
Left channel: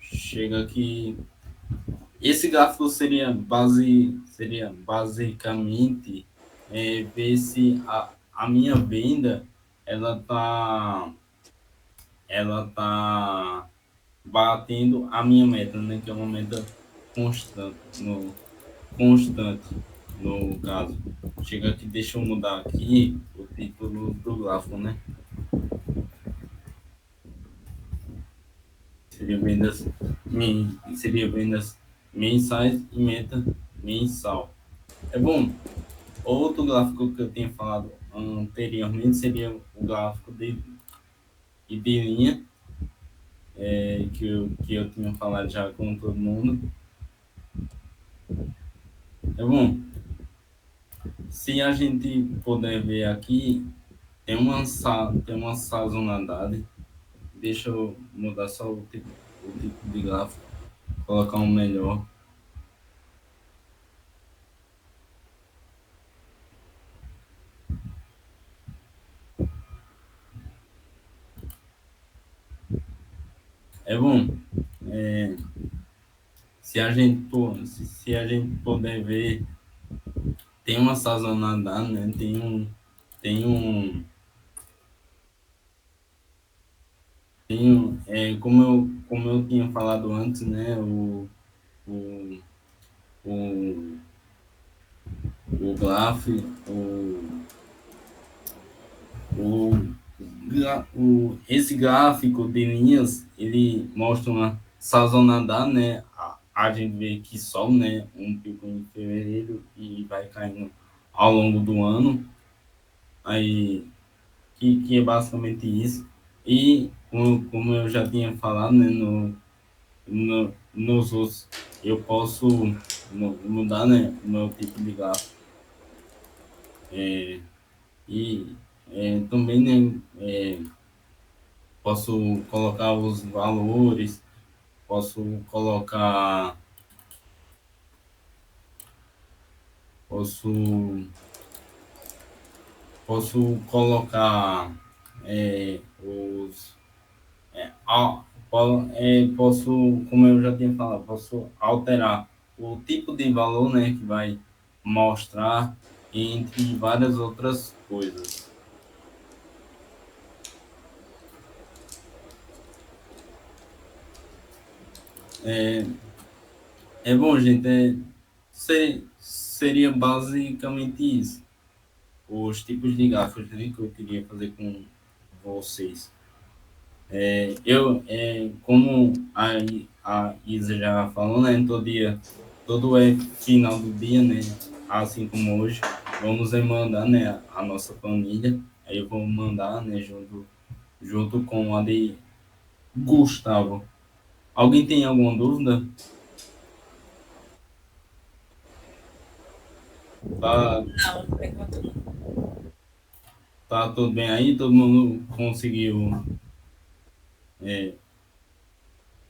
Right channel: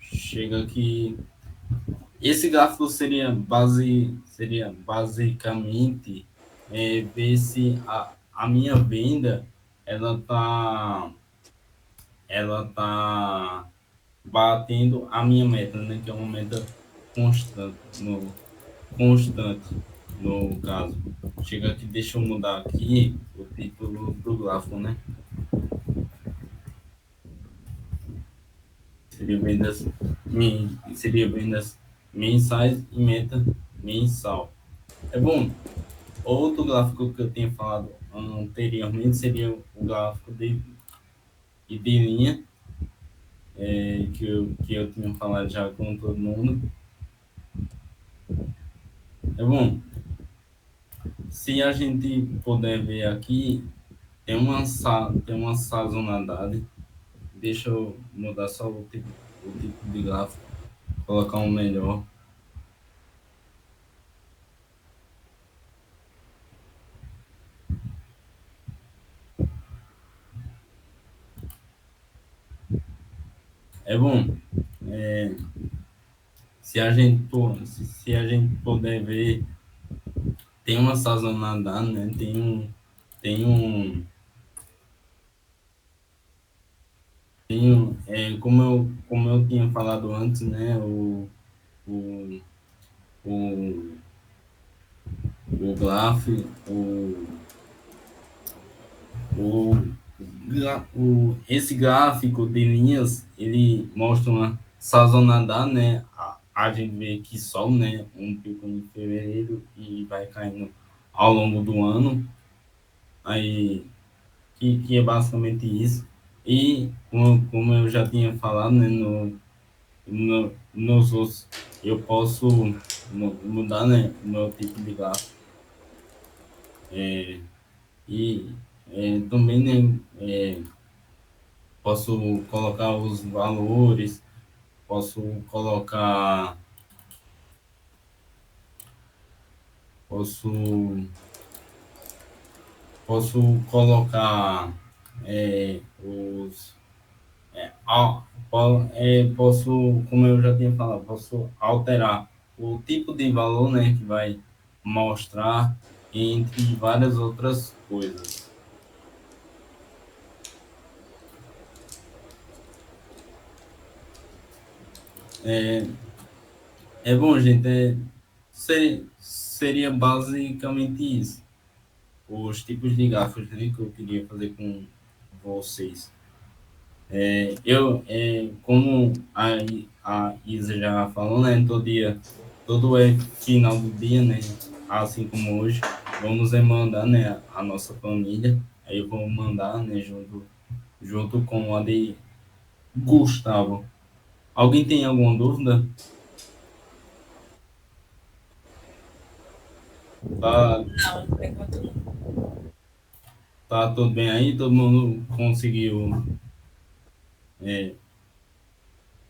chega que esse gráfico seria basicamente ver se a minha venda ela tá ela tá batendo a minha meta, né? Que é uma meta constante constante no caso. Chega aqui, deixa eu mudar aqui o título do gráfico, né? Seria vendas, seria vendas mensais e meta mensal. É bom. Outro gráfico que eu tinha falado anteriormente seria o gráfico de linha, que eu tinha falado já com todo mundo. É bom. Se a gente puder ver aqui, tem uma sazonalidade. Deixa eu mudar só o tipo de gráfico, colocar um melhor. É bom, é, se a gente puder ver, tem uma sazonalidade, né? Tem um, como eu tinha falado antes, né? O, o, o gráfico, o, esse gráfico de linhas, ele mostra uma sazonalidade, né? A gente vê que sobe, né? Um pico em fevereiro e vai caindo ao longo do ano. Aí, que é basicamente isso. E, como eu já tinha falado, né? Nos outros, eu posso mudar, né? O meu tipo de gráfico. É, e também, né? Posso colocar os valores, posso colocar, posso, posso colocar os, posso, como eu já tinha falado, posso alterar o tipo de valor, né, que vai mostrar entre várias outras coisas. É, é bom, gente, seria basicamente isso. Os tipos de gráficos, né, que eu queria fazer com vocês. Como a Isa já falou, né? Todo final do dia, né? Assim como hoje, vamos mandar, né? A nossa planilha. Aí eu vou mandar, né? Junto com a de Gustavo. Alguém tem alguma dúvida? Tá, Não, por enquanto não. tá tudo bem aí? Todo mundo é,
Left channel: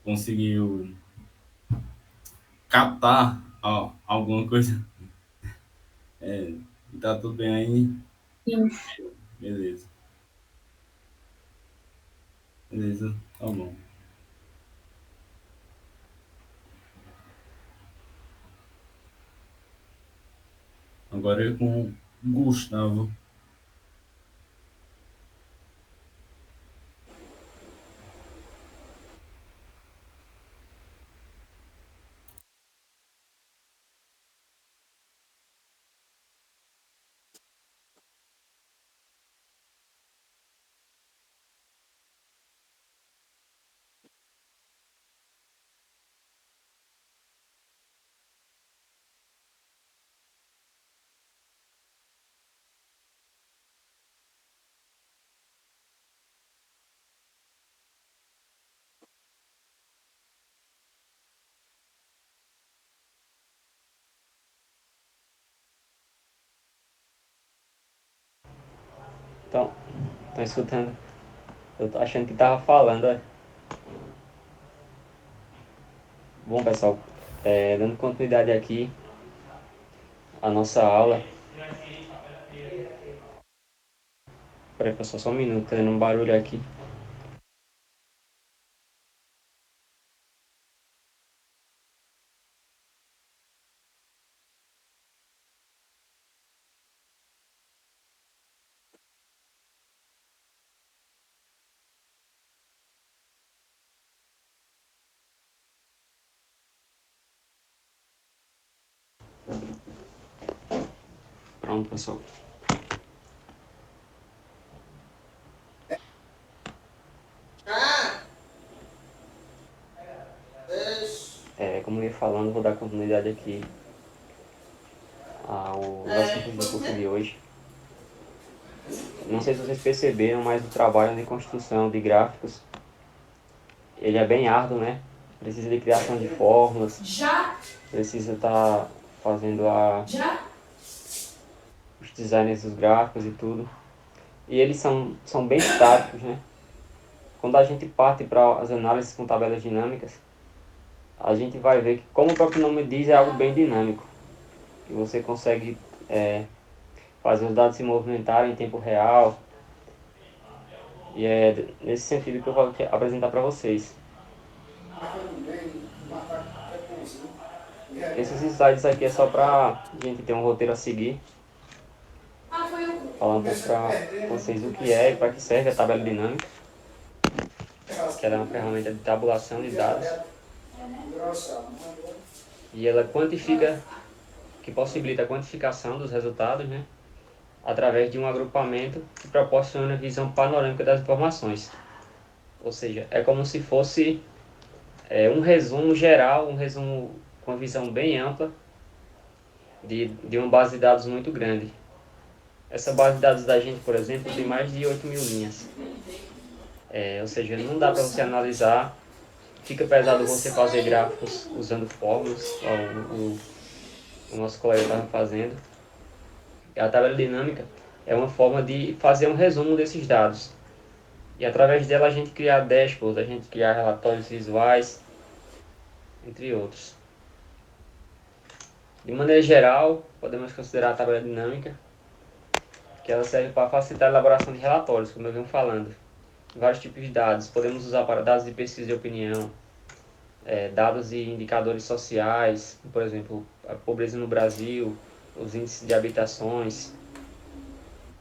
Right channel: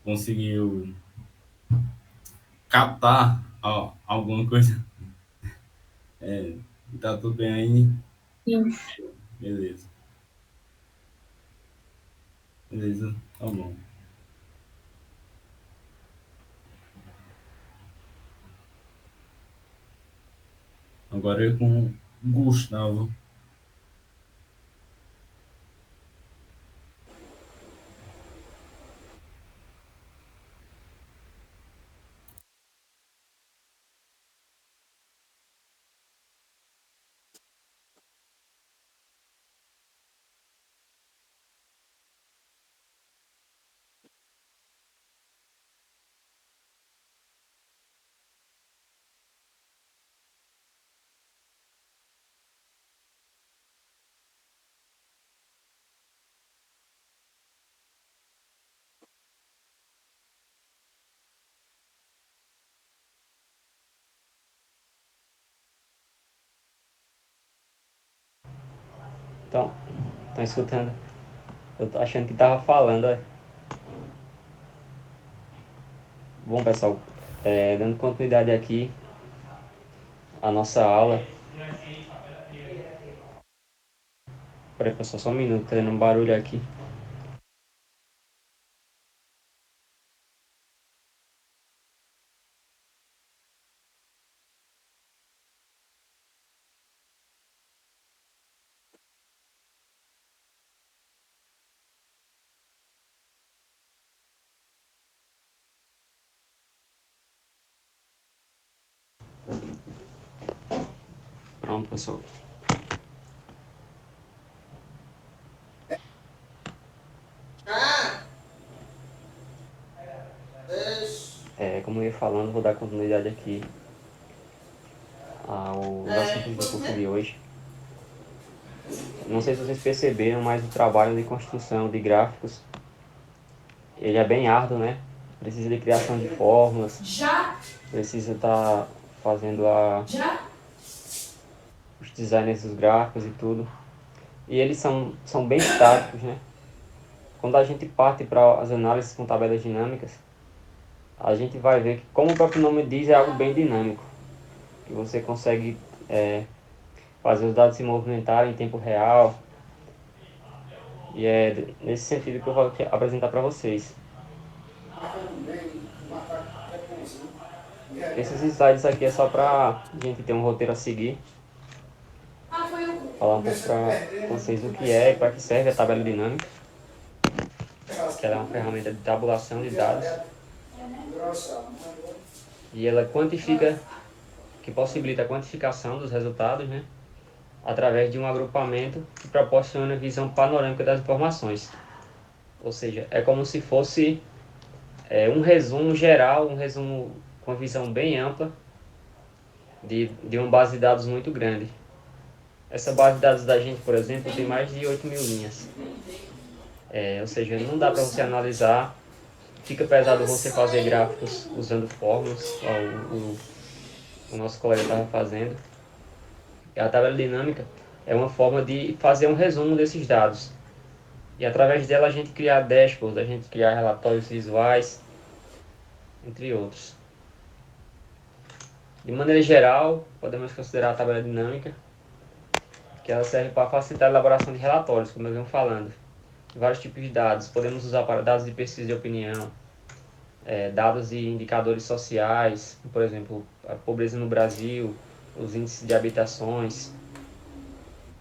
conseguiu captar alguma coisa? É, tá tudo bem aí? Sim. Beleza. Beleza, tá bom. Agora é com Gustavo. Então, estão escutando? Eu tô achando que tava falando, ó. Bom, pessoal, dando continuidade aqui à nossa aula. Peraí, pessoal, só um minuto, tá dando um barulho aqui. Pronto, pessoal. Como eu ia falando, vou dar continuidade aqui ao assunto do curso de hoje. Não sei se vocês perceberam, mas o trabalho de construção de gráficos, ele é bem árduo, né? Precisa de criação de fórmulas, precisa estar fazendo os designs dos gráficos e tudo. E eles são bem estáticos, né? Quando a gente parte para as análises com tabelas dinâmicas, a gente vai ver que, como o próprio nome diz, é algo bem dinâmico. E você consegue fazer os dados se movimentarem em tempo real. E é nesse sentido que eu vou apresentar para vocês. Esses slides aqui é só para a gente ter um roteiro a seguir. Falar um pouco para vocês o que é e para que serve a tabela dinâmica, que ela é uma ferramenta de tabulação de dados. E ela quantifica, que possibilita a quantificação dos resultados, né? Através de um agrupamento que proporciona visão panorâmica das informações. Ou seja, é como se fosse um resumo geral, um resumo com uma visão bem ampla de uma base de dados muito grande. Essa base de dados da gente, por exemplo, tem mais de 8.000 linhas. Ou seja, não dá para você analisar. Fica pesado você fazer gráficos usando fórmulas, o nosso colega estava fazendo. E a tabela dinâmica é uma forma de fazer um resumo desses dados. E através dela a gente criar dashboards, a gente criar relatórios visuais, entre outros. De maneira geral, podemos considerar a tabela dinâmica, que ela serve para facilitar a elaboração de relatórios, como eu venho falando. Vários tipos de dados. Podemos usar para dados de pesquisa de opinião, dados e indicadores sociais, por exemplo, a pobreza no Brasil, os índices de habitações.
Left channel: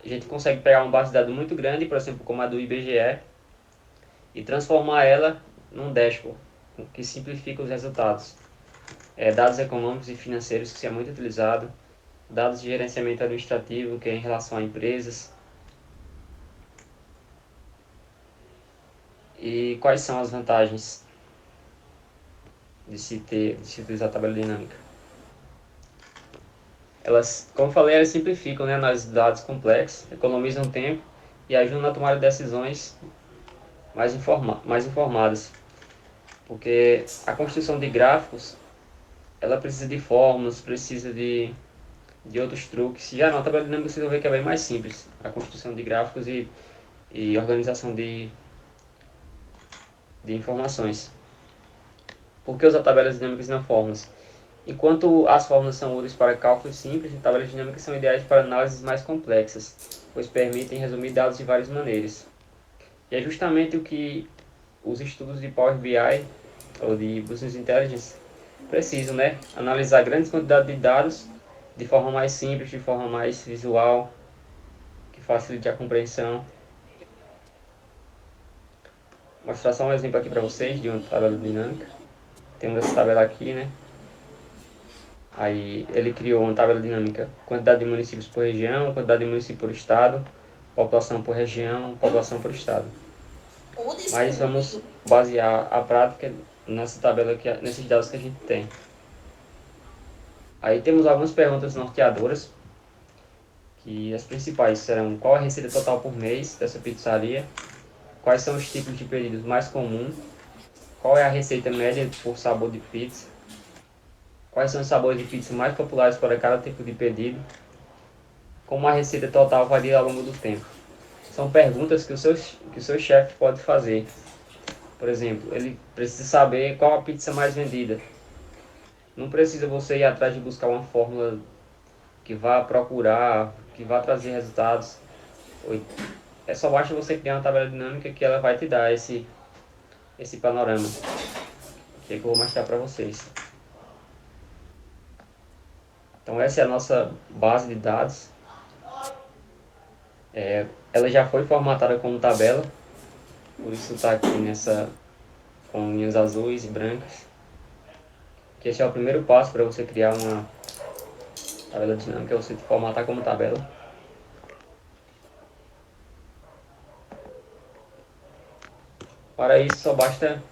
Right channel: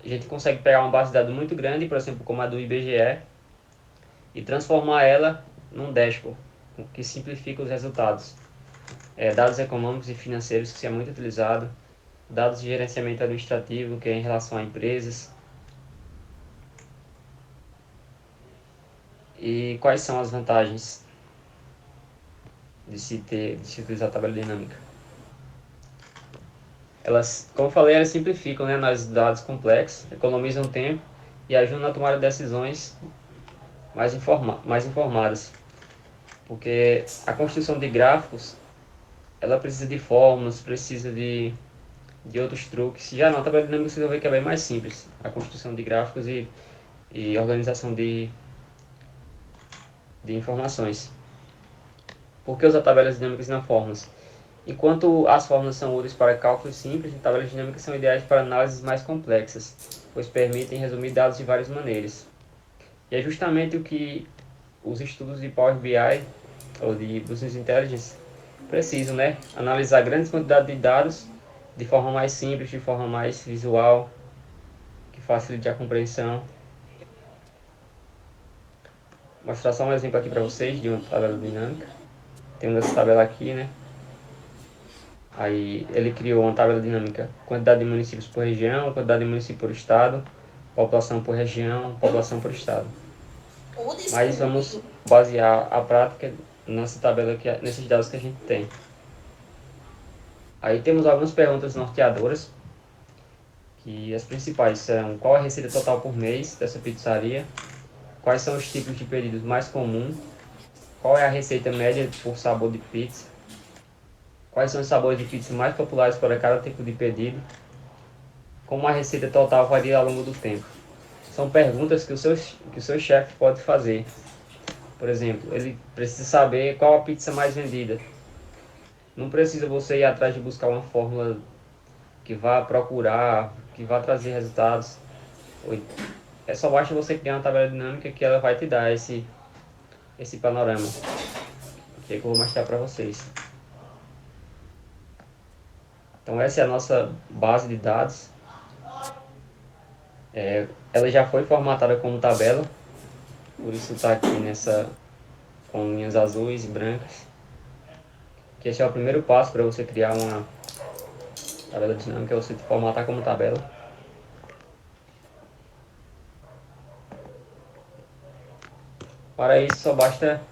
A gente consegue pegar uma base de dados muito grande, por exemplo, como a do IBGE, e transformar ela num dashboard, que simplifica os resultados. Dados econômicos e financeiros, que é muito utilizado, dados de gerenciamento administrativo, que é em relação a empresas, E quais são as vantagens de se utilizar a tabela dinâmica? Elas, como eu falei, elas simplificam, né, análise de dados complexos, economizam tempo e ajudam na tomada de decisões mais informadas. Porque a construção de gráficos, ela precisa de fórmulas, precisa de outros truques. Já na tabela dinâmica você vai ver que é bem mais simples a construção de gráficos e organização de informações. Por que usar tabelas dinâmicas e não fórmulas? Enquanto as fórmulas são úteis para cálculos simples, tabelas dinâmicas são ideais para análises mais complexas, pois permitem resumir dados de várias maneiras. E é justamente o que os estudos de Power BI ou de Business Intelligence precisam, né? Analisar grandes quantidades de dados de forma mais simples, de forma mais visual, que facilite a compreensão. Vou mostrar só um exemplo aqui para vocês de uma tabela dinâmica. Temos essa tabela aqui, né? Aí ele criou uma tabela dinâmica, quantidade de municípios por região, quantidade de municípios por estado, população por região, população por estado. Mas vamos basear a prática nessa tabela aqui, nesses dados que a gente tem. Aí temos algumas perguntas norteadoras, que as principais serão: qual a receita total por mês dessa pizzaria? Quais são os tipos de pedidos mais comuns? Qual é a receita média por sabor de pizza? Quais são os sabores de pizza mais populares para cada tipo de pedido? Como a receita total varia ao longo do tempo? São perguntas que o seu chefe pode fazer. Por exemplo, ele precisa saber qual a pizza mais vendida. Não precisa você ir atrás de buscar uma fórmula que vá procurar, que vá trazer resultados. É só basta você criar uma tabela dinâmica que ela vai te dar esse panorama. Que é que eu vou mostrar para vocês. Então essa é a nossa base de dados. Ela já foi formatada como tabela, por isso está aqui com linhas azuis e brancas. Que esse é o primeiro passo para você criar uma tabela dinâmica, é você formatar como tabela. Para isso só basta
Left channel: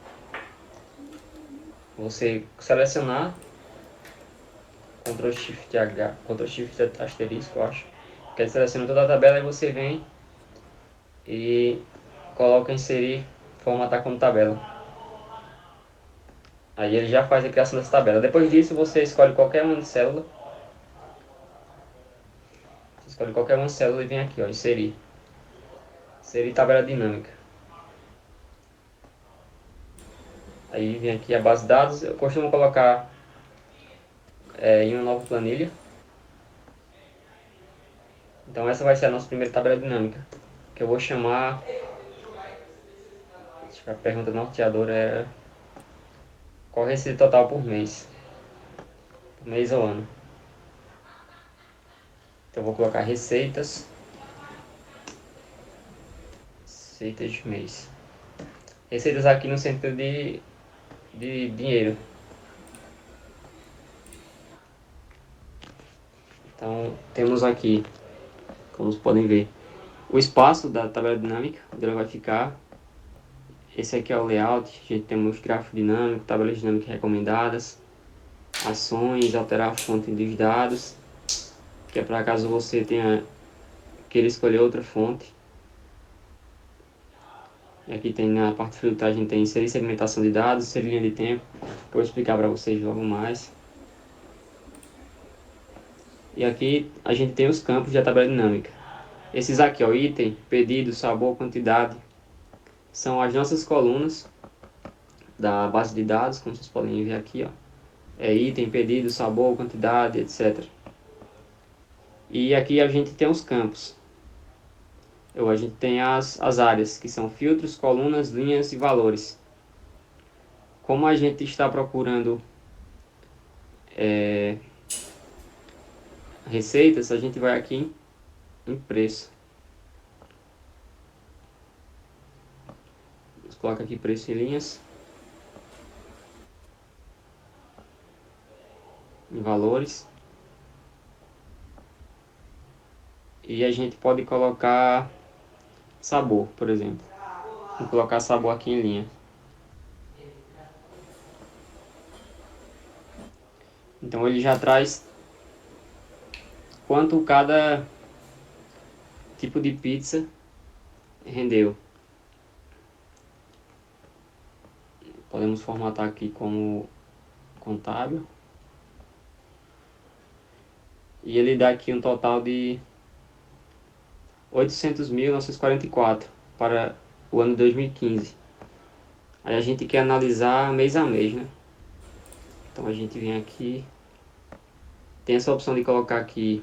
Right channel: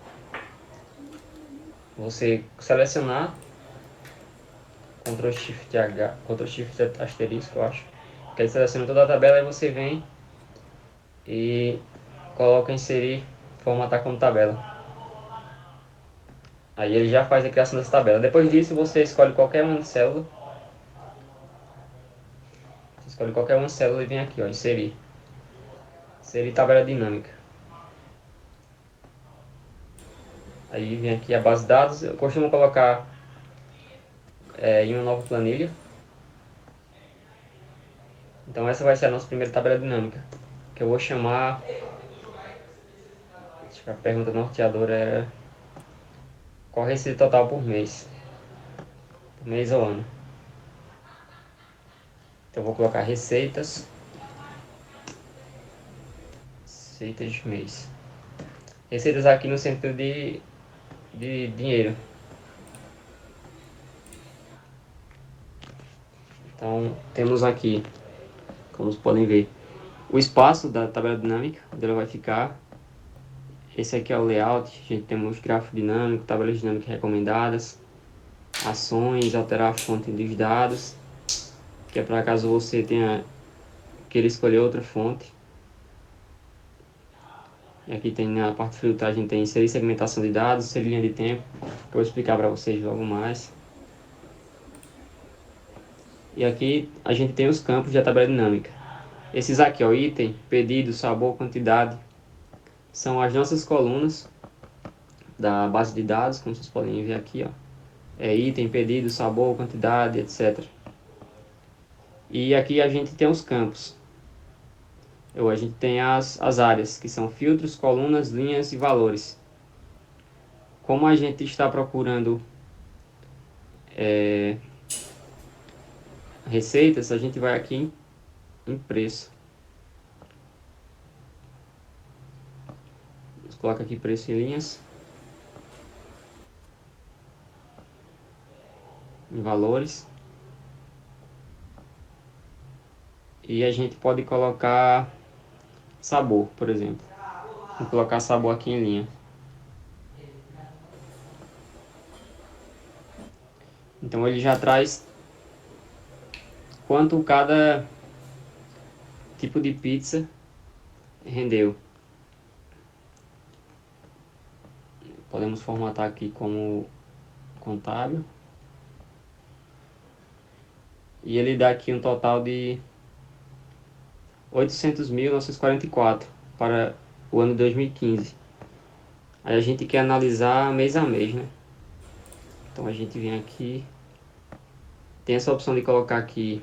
você selecionar Ctrl Shift H, Ctrl Shift asterisco, eu acho. Que ele seleciona toda a tabela e você vem e coloca inserir, formatar como tabela. Aí ele já faz a criação dessa tabela. Depois disso você escolhe qualquer uma célula. Você escolhe qualquer uma célula e vem aqui, ó, inserir. Inserir tabela dinâmica. Aí vem aqui a base de dados. Eu costumo colocar em uma nova planilha. Então essa vai ser a nossa primeira tabela dinâmica, que eu vou chamar. Acho que a pergunta norteadora é: qual a receita total por mês? Por mês ou ano? Então eu vou colocar receitas de mês. Receitas aqui no sentido de dinheiro. Então temos aqui, como vocês podem ver, o espaço da tabela dinâmica, onde ela vai ficar. Esse aqui é o layout. A gente tem os gráficos dinâmicos, tabelas dinâmicas recomendadas, ações, alterar a fonte dos dados, que é para caso você queira escolher outra fonte. E aqui tem na parte de filtragem, tem inserir segmentação de dados, inserir linha de tempo, que eu vou explicar para vocês logo mais. E aqui a gente tem os campos da tabela dinâmica. Esses aqui, ó, item, pedido, sabor, quantidade, são as nossas colunas da base de dados, como vocês podem ver aqui, ó. É item, pedido, sabor, quantidade, etc. E aqui a gente tem os campos. A gente tem as áreas, que são filtros, colunas, linhas e valores. Como a gente está procurando receitas, a gente vai aqui em preço. Coloca aqui preço em linhas, em valores. E a gente pode colocar sabor, por exemplo. Vou colocar sabor aqui em linha. Então ele já traz quanto cada tipo de pizza rendeu. Podemos formatar aqui como contábil. E ele dá aqui um total de 800.944 para o ano 2015. Aí a gente quer analisar mês a mês, né? Então a gente vem aqui, tem essa opção de colocar aqui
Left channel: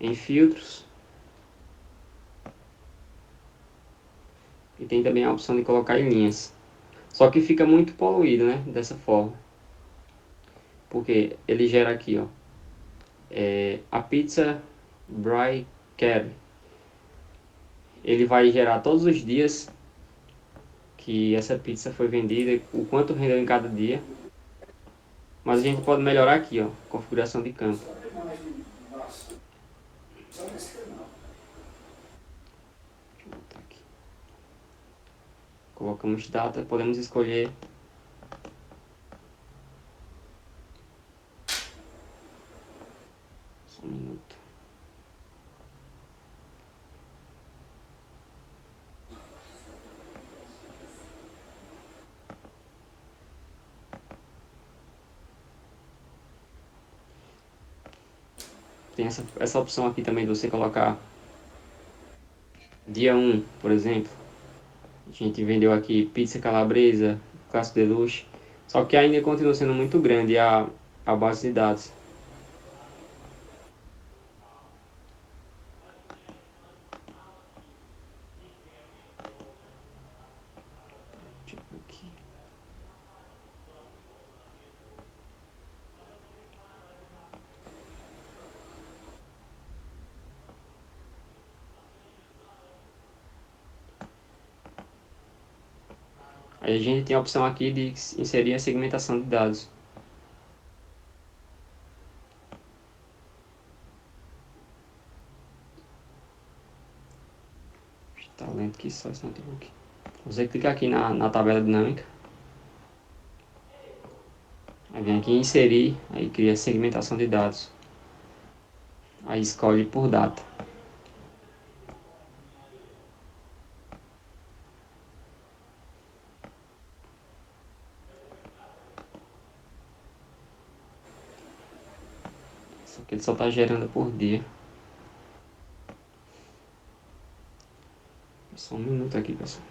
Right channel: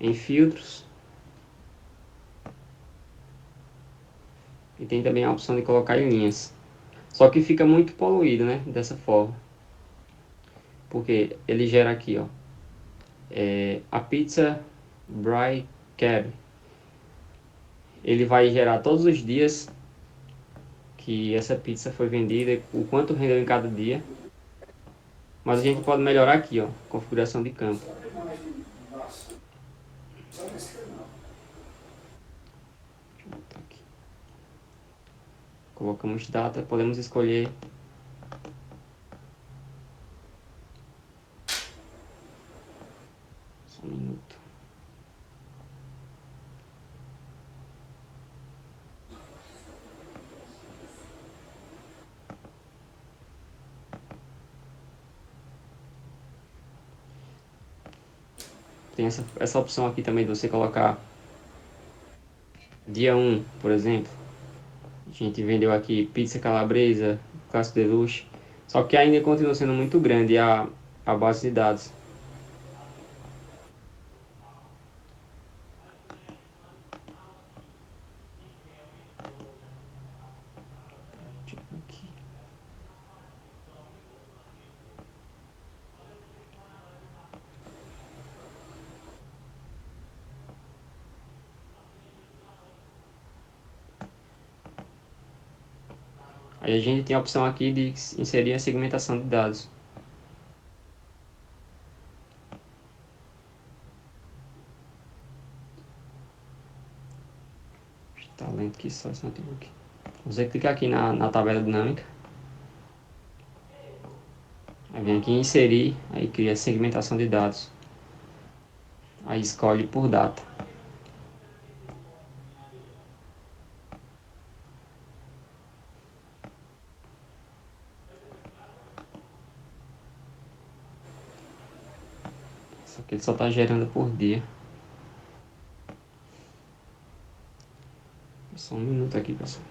em filtros. E tem também a opção de colocar em linhas. Só que fica muito poluído, né? Dessa forma. Porque ele gera aqui, ó. A pizza Bry Cab. Ele vai gerar todos os dias que essa pizza foi vendida, o quanto rendeu em cada dia. Mas a gente pode melhorar aqui, ó. Configuração de campo. Colocamos data, podemos escolher só um minuto. Tem essa opção aqui também de você colocar dia 1, por exemplo. A gente vendeu aqui pizza calabresa, classe deluxe. Só que ainda continua sendo muito grande a base de dados. Aqui. Aí a gente tem a opção aqui de inserir a segmentação de dados. Está lento aqui só esse notebook. Você clica aqui na tabela dinâmica. Aí vem aqui em inserir, aí cria segmentação de dados. Aí escolhe por data. Só que ele só está gerando por dia. Só um minuto aqui, pessoal.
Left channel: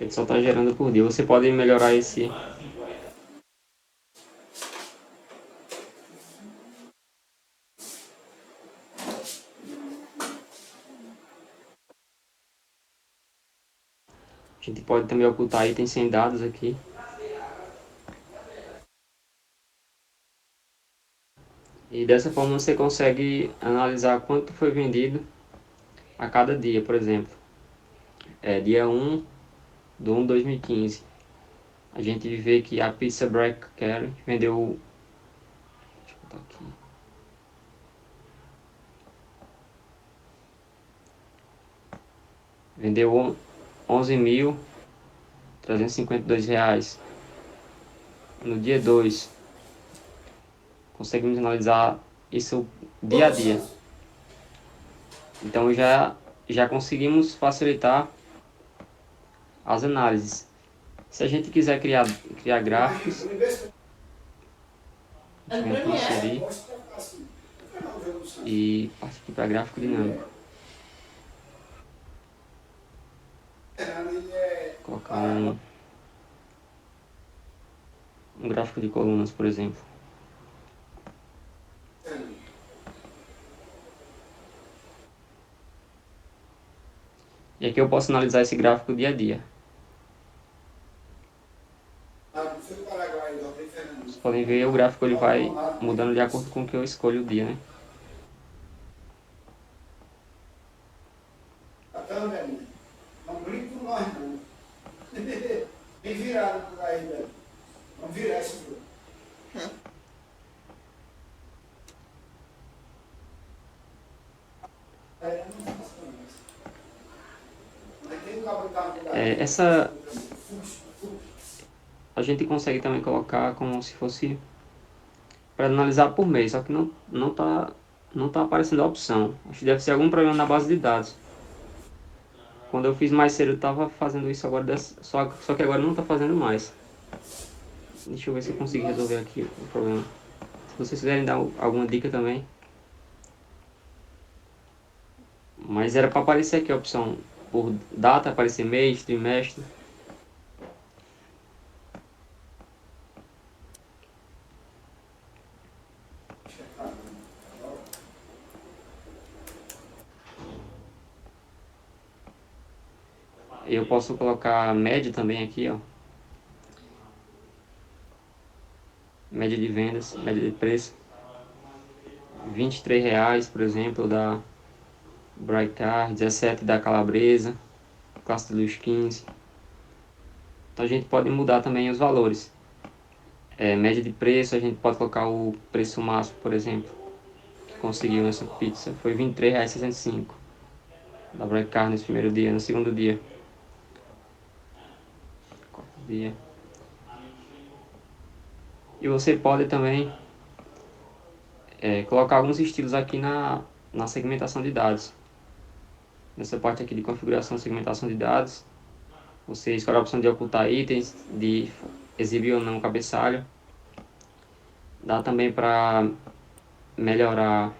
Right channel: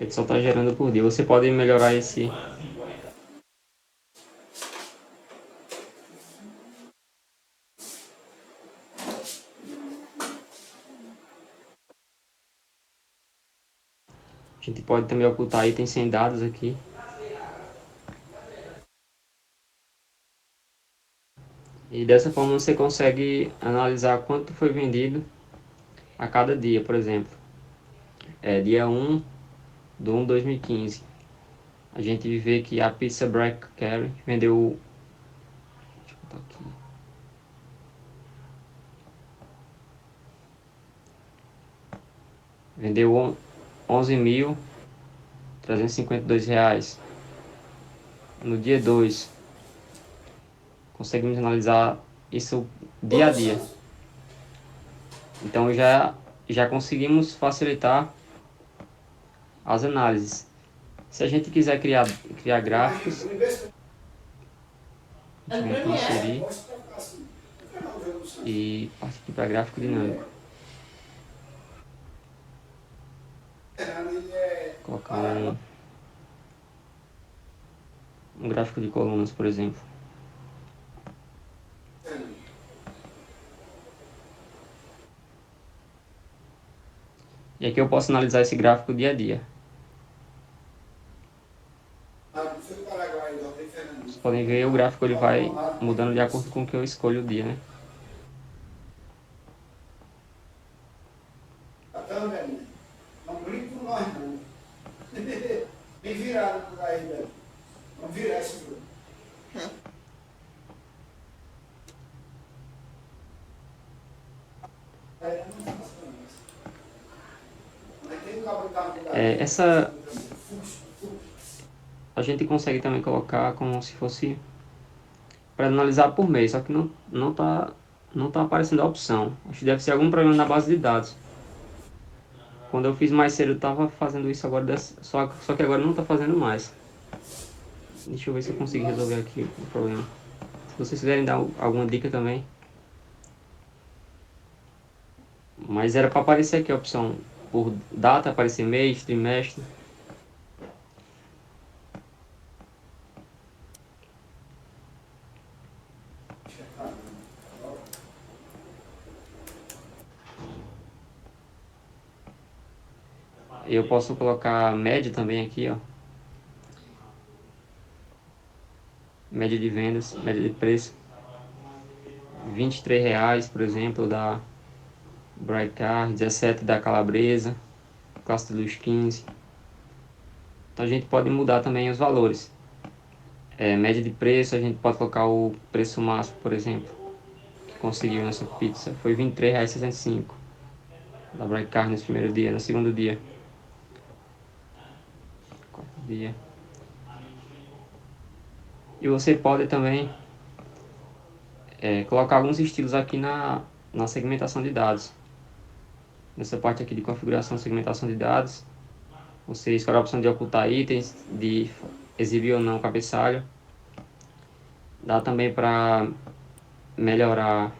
Ele só está gerando por dia. Você pode melhorar esse. A gente pode também ocultar itens sem dados aqui. E dessa forma você consegue analisar quanto foi vendido a cada dia, por exemplo. Dia 1 de 1 de 2015. A gente vê que a pizza Black Carry vendeu. Deixa eu botar aqui. Vendeu R$ 11.352. No dia 2, conseguimos analisar isso dia a dia. Então já conseguimos facilitar as análises. Se a gente quiser criar gráficos, a gente vai inserir e partir para gráfico dinâmico. Colocar um gráfico de colunas, por exemplo. E aqui eu posso analisar esse gráfico dia a dia. Vocês podem ver, o gráfico ele vai mudando de acordo com o que eu escolho o dia, né? Não brinca com nós, não. Bem virado por aí, velho. Vamos virar esse jogo. Essa a gente consegue também colocar como se fosse para analisar por mês, só que não tá aparecendo a opção. Acho que deve ser algum problema na base de dados. Quando eu fiz mais cedo eu estava fazendo isso agora, só que agora não está fazendo mais. Deixa eu ver se eu consigo resolver aqui o problema. Se vocês quiserem dar alguma dica também. Mas era para aparecer aqui a opção por data, aparecer mês, trimestre. Eu posso colocar média também aqui, ó. Média de vendas, média de preço. R$ 23, por exemplo, da Brightcar, 17 da Calabresa, Classe de Luz 15. Então a gente pode mudar também os valores. Média de preço, a gente pode colocar o preço máximo, por exemplo, que conseguiu nessa pizza. Foi R$ 23,65 da Brightcar nesse primeiro dia, no segundo dia. Quarto dia. E você pode também colocar alguns estilos aqui na segmentação de dados. Nessa parte aqui de configuração e segmentação de dados, você escolhe a opção de ocultar itens, de exibir ou não o cabeçalho. Dá também para melhorar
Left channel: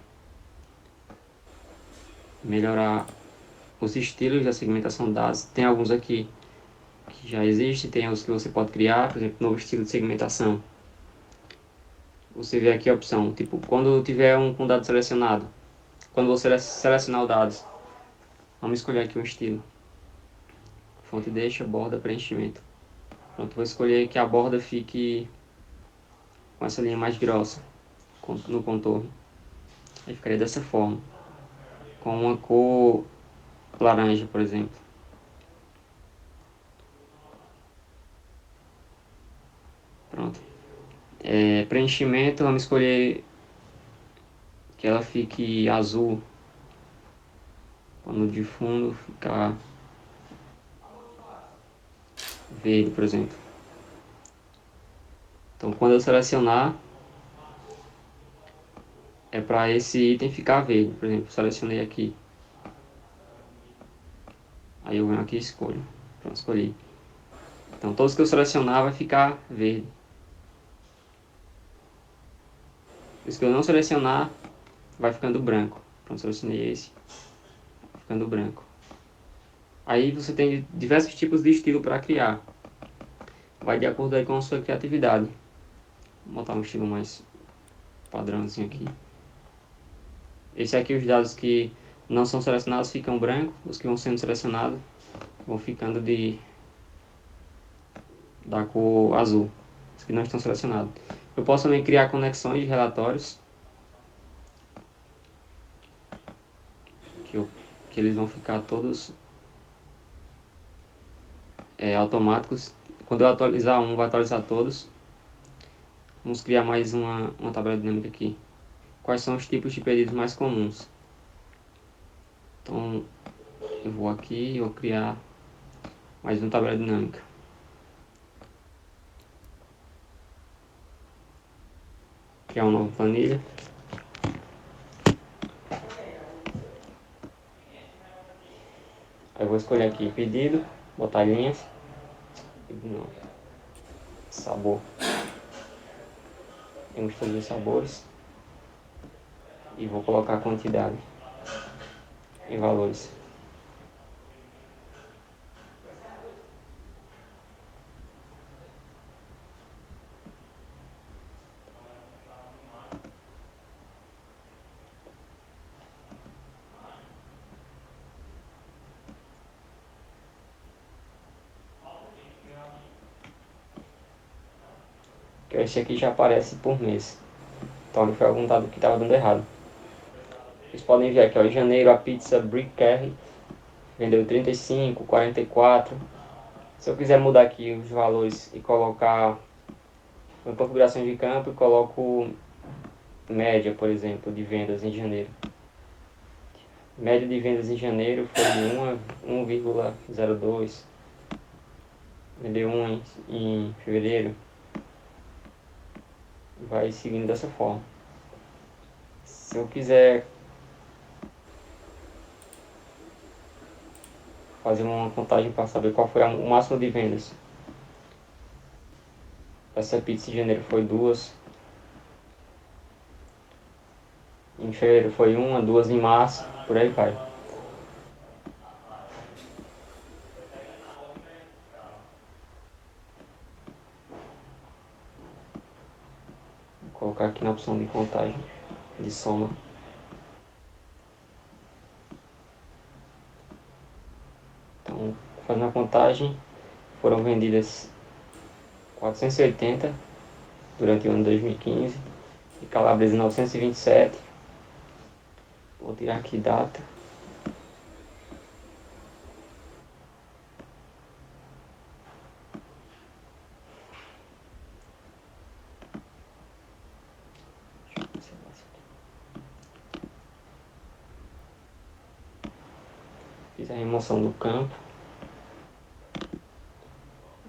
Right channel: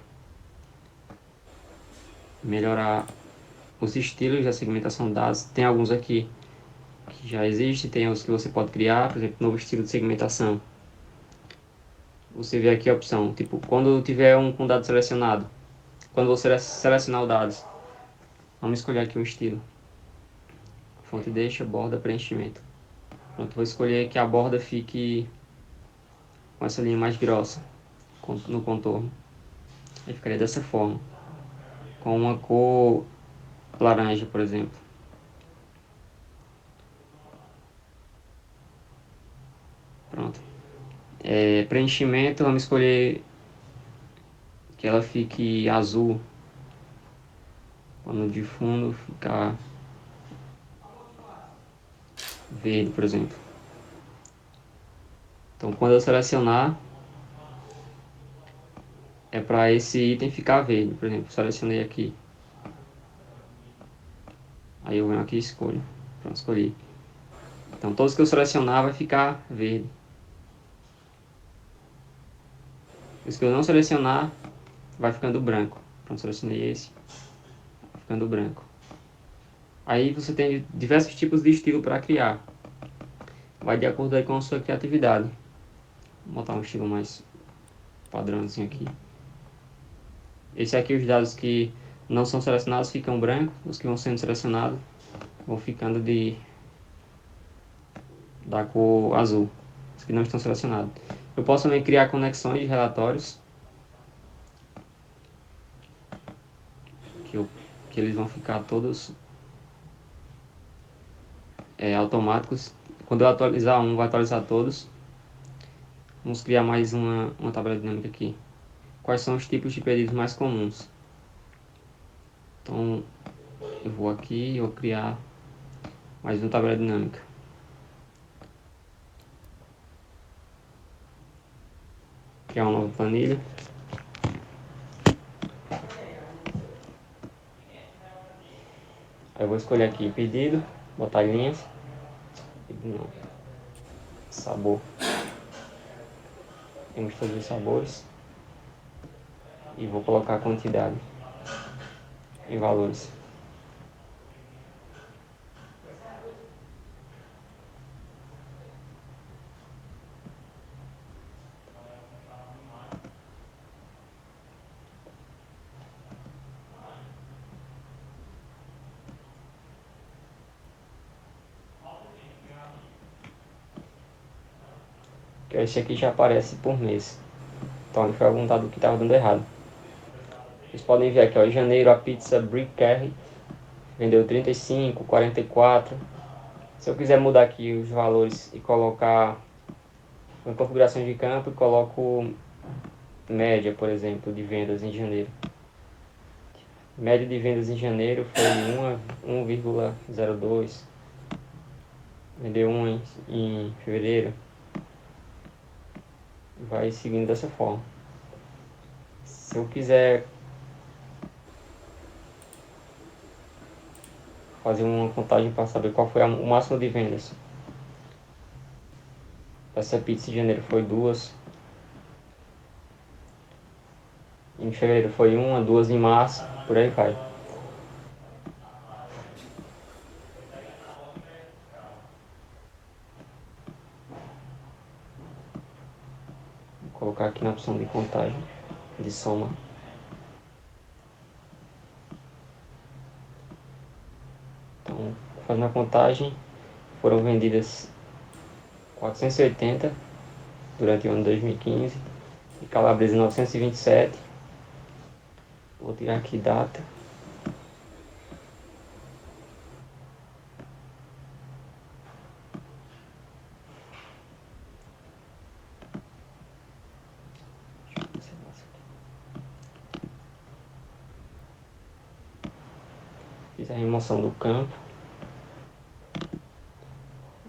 os estilos da segmentação de dados. Tem alguns aqui que já existem, tem os que você pode criar, por exemplo, novo estilo de segmentação. Você vê aqui a opção, tipo, quando tiver um dado selecionado, quando você selecionar os dados, vamos escolher aqui um estilo. Fonte deixa, borda, preenchimento. Pronto, vou escolher que a borda fique com essa linha mais grossa no contorno. Aí ficaria dessa forma, com uma cor laranja, por exemplo. Pronto. Preenchimento, vamos escolher que ela fique azul. Pano de fundo ficar verde, por exemplo. Então, quando eu selecionar, é para esse item ficar verde. Por exemplo, selecionei aqui. Aí eu venho aqui e escolho. Pronto, escolhi. Então, todos que eu selecionar vai ficar verde. Os que eu não selecionar, vai ficando branco. Pronto, selecionei esse. Vai ficando branco. Aí você tem diversos tipos de estilo para criar. Vai de acordo aí com a sua criatividade. Vou botar um estilo mais padrãozinho aqui. Esse aqui, os dados que não são selecionados ficam brancos. Os que vão sendo selecionados vão ficando da cor azul. Os que não estão selecionados. Eu posso também criar conexões de relatórios. Que eles vão ficar todos automáticos. Quando eu atualizar um, vai atualizar todos. Vamos criar mais uma tabela dinâmica aqui. Quais são os tipos de pedidos mais comuns? Então, eu vou aqui e vou criar mais uma tabela dinâmica. Criar uma nova planilha. Aí eu vou escolher aqui pedido, botar linhas. Não. Sabor. Temos todos os sabores. E vou colocar a quantidade em valores. esse aqui já aparece por mês. Então ali foi algum dado que estava dando errado. Vocês podem ver aqui, ó, em janeiro a pizza Brick Carry vendeu 35, 44. Se eu quiser mudar aqui os valores e colocar uma configuração de campo, eu coloco média, por exemplo, de vendas em janeiro. Média de vendas em janeiro foi 1,02. Vendeu 1 em fevereiro. Vai seguindo dessa forma. Se eu quiser fazer uma contagem para saber qual foi o máximo de vendas. Essa pizza em janeiro foi 2. Em fevereiro foi 1, 2 em março, por aí vai. Vou colocar aqui na opção de contagem, de soma. Então, fazendo a contagem, foram vendidas 480 durante o ano 2015 e calabresa 927. Vou tirar aqui data. Fiz a remoção do campo.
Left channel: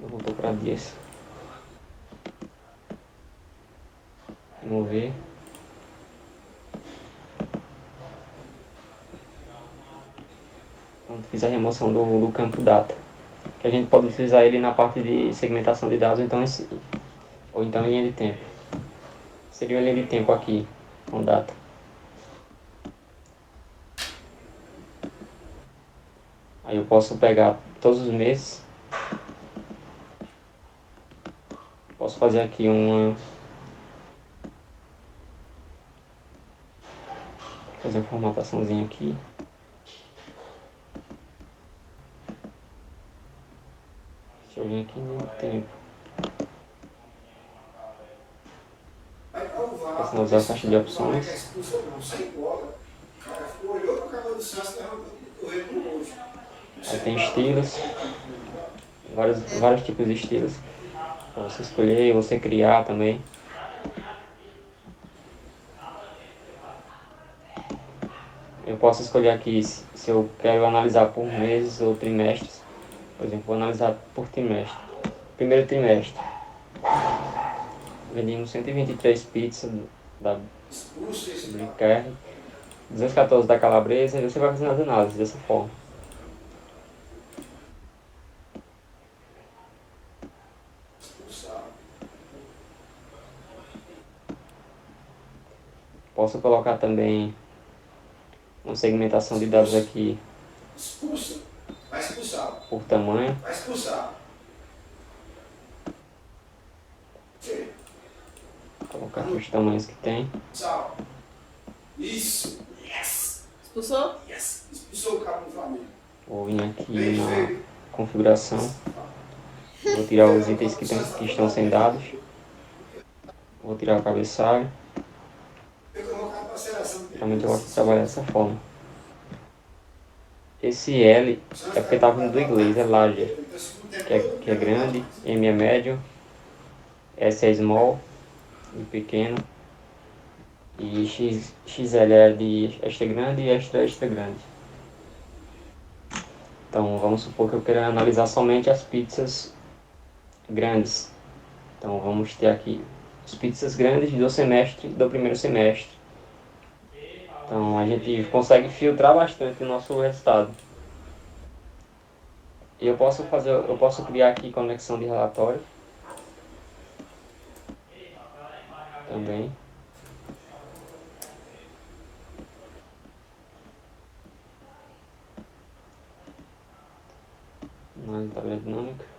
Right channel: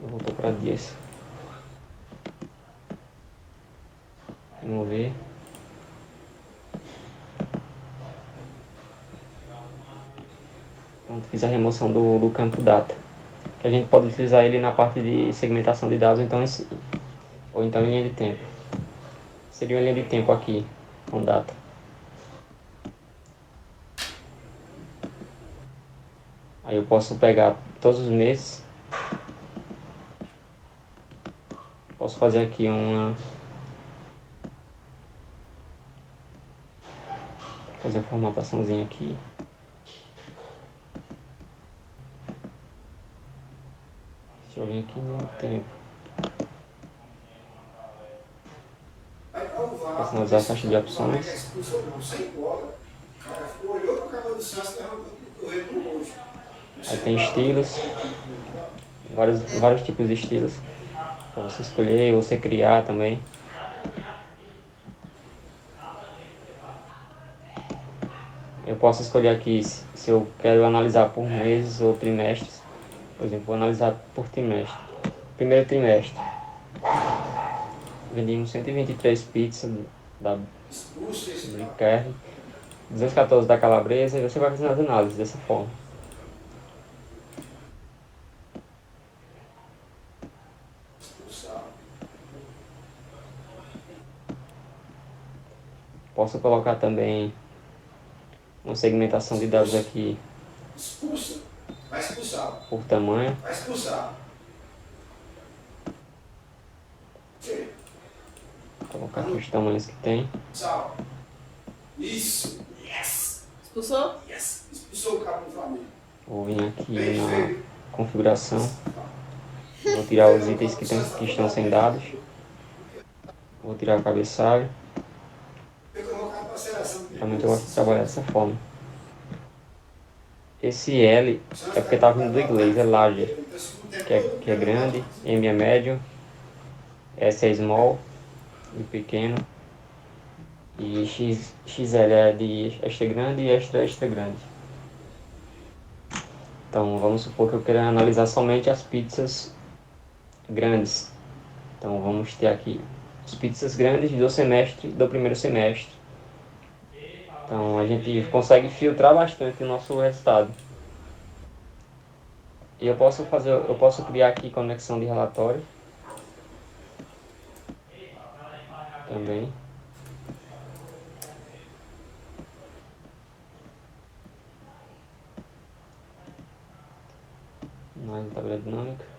Eu vou procurar dias. Remover. Pronto, fiz a remoção do campo data. Que a gente pode utilizar ele na parte de segmentação de dados, ou então em linha de tempo. Seria uma linha de tempo aqui, com data. Aí eu posso pegar todos os meses. Posso fazer aqui fazer uma formataçãozinha aqui. Deixa eu vir aqui no tempo. Vou usar a caixa de opções. Aí tem estilos. Vários tipos de estilos. Para você escolher e você criar também. Eu posso escolher aqui se eu quero analisar por meses ou trimestres. Por exemplo, vou analisar por trimestre. Primeiro trimestre. Vendimos 123 pizzas da Brick Carry, 214 da calabresa, e você vai fazendo as análises dessa forma. Posso colocar também uma segmentação de dados aqui por tamanho. Vou colocar aqui os tamanhos que tem. Isso! Yes! Expulsou? Yes! Expulsou o cabo do Flamengo. Vou vir aqui na configuração. Vou tirar os itens que estão sem dados. Vou tirar o cabeçalho. Realmente eu gosto de trabalhar dessa forma. Esse L é porque está vindo do inglês, é large, que é grande, M é médio, S é small, de pequeno, e XL é de extra grande e extra grande. Então vamos supor que eu queira analisar somente as pizzas grandes. Então vamos ter aqui as pizzas grandes do primeiro semestre. Então a gente consegue filtrar bastante o nosso resultado. E eu posso criar aqui conexão de relatório também. Na tabela dinâmica.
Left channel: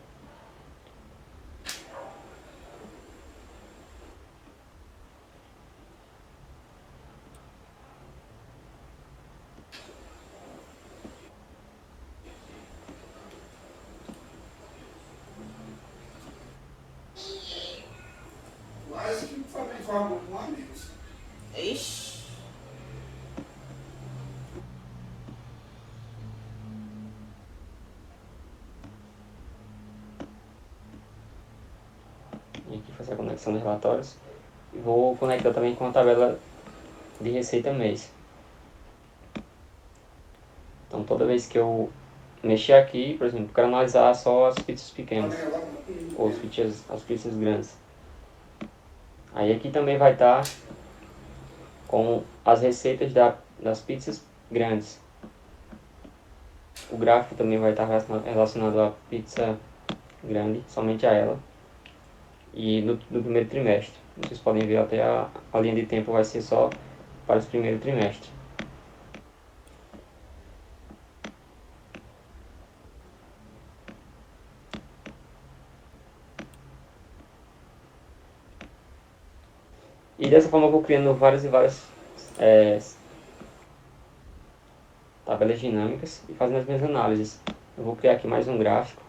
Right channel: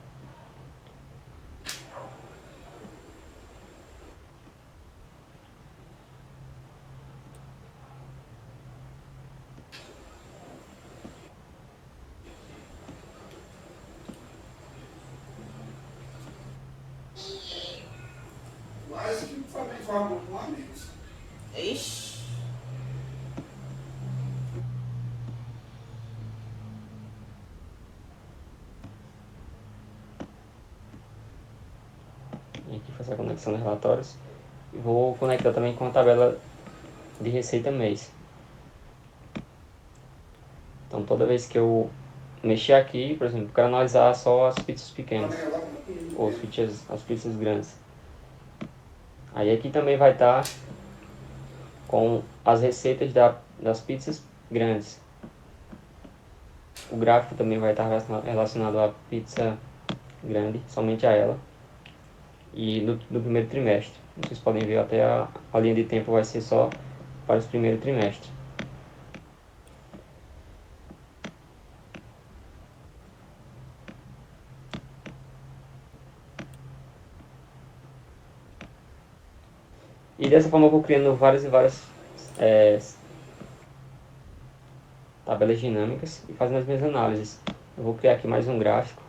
coagula com amigos. Ixi. E aqui fazer a conexão dos relatórios. E vou conectar também com a tabela de receita mês. Então toda vez que eu mexer aqui, por exemplo, quero analisar só as pizzas pequenas ou as pizzas grandes. Aí aqui também vai estar com as receitas das pizzas grandes. O gráfico também vai estar relacionado à pizza grande, somente a ela. E no primeiro trimestre. Vocês podem ver até a linha de tempo vai ser só para os primeiros trimestres. E dessa forma eu vou criando várias e várias tabelas dinâmicas e fazendo as minhas análises. Eu vou criar aqui mais um gráfico.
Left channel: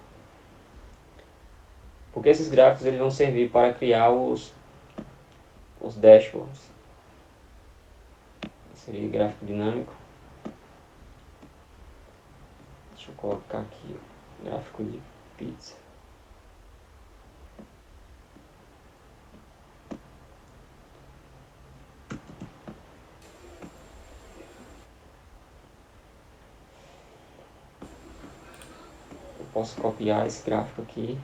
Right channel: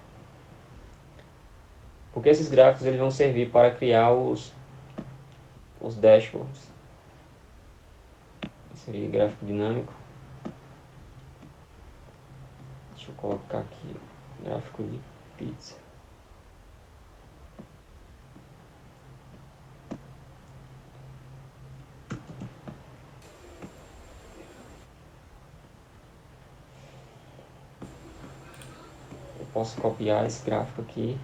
Porque esses gráficos eles vão servir para criar os dashboards. Esse seria gráfico dinâmico. Deixa eu colocar aqui gráfico de pizza. Eu posso copiar esse gráfico aqui.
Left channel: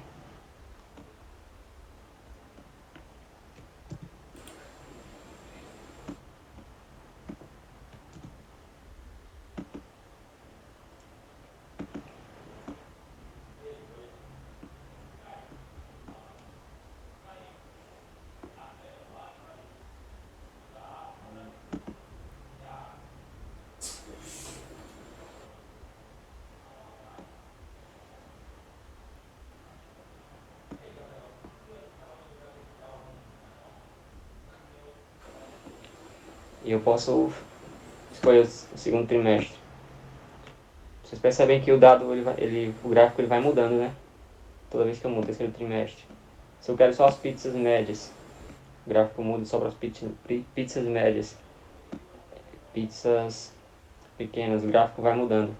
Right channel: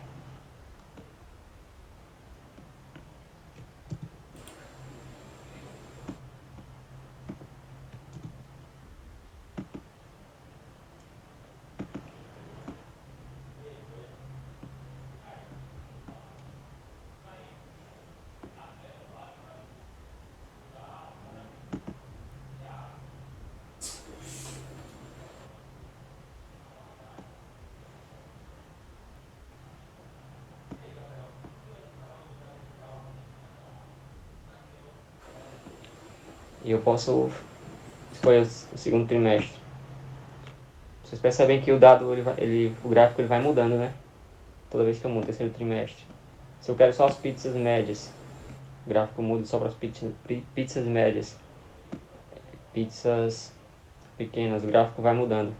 E eu posso escolher o segundo trimestre. Vocês percebem que o dado, o gráfico ele vai mudando, né? Toda vez que eu mudo o terceiro trimestre. Se eu quero só as pizzas médias, o gráfico muda só para as pizzas médias. Pizzas pequenas, o gráfico vai mudando.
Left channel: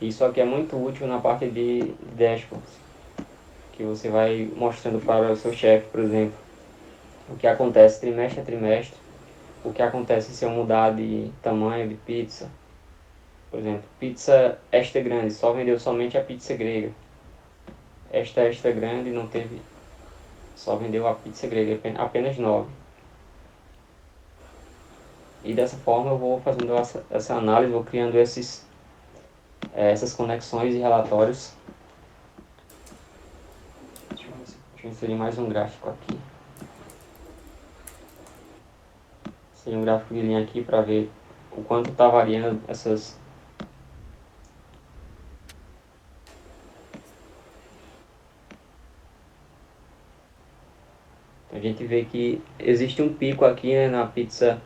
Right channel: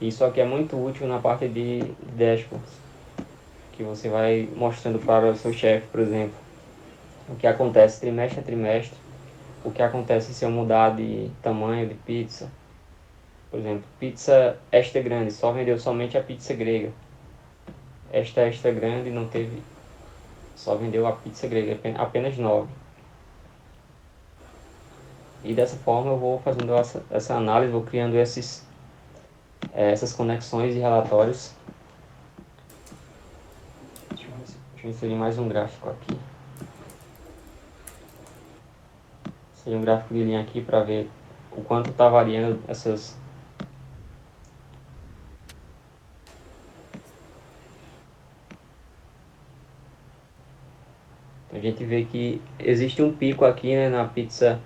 Isso aqui é muito útil na parte de dashboards, que você vai mostrando para o seu chefe, por exemplo, o que acontece trimestre a trimestre, o que acontece se eu mudar de tamanho de pizza. Por exemplo, pizza extra grande, só vendeu somente a pizza grega. Esta extra grande não teve, só vendeu a pizza grega, apenas 9. E dessa forma eu vou fazendo essa análise, vou criando essas conexões e relatórios. Deixa eu inserir mais um gráfico aqui. Seria um gráfico de linha aqui para ver o quanto está variando essas. A gente vê que existe um pico aqui, né, na pizza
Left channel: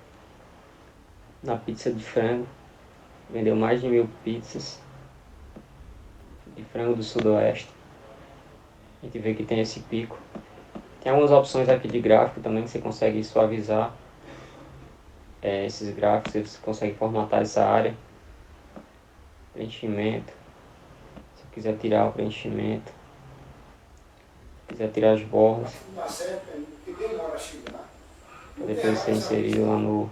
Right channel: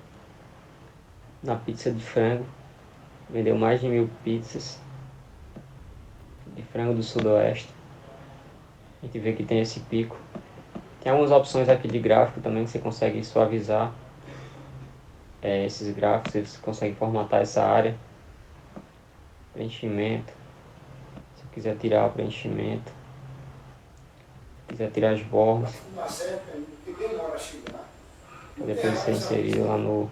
de frango. Vendeu mais de 1000 pizzas de frango do sudoeste. A gente vê que tem esse pico. Tem algumas opções aqui de gráfico também que você consegue suavizar esses gráficos. Você consegue formatar essa área. Preenchimento. Se eu quiser tirar o preenchimento. Se quiser tirar as bordas. Depois você inserir lá no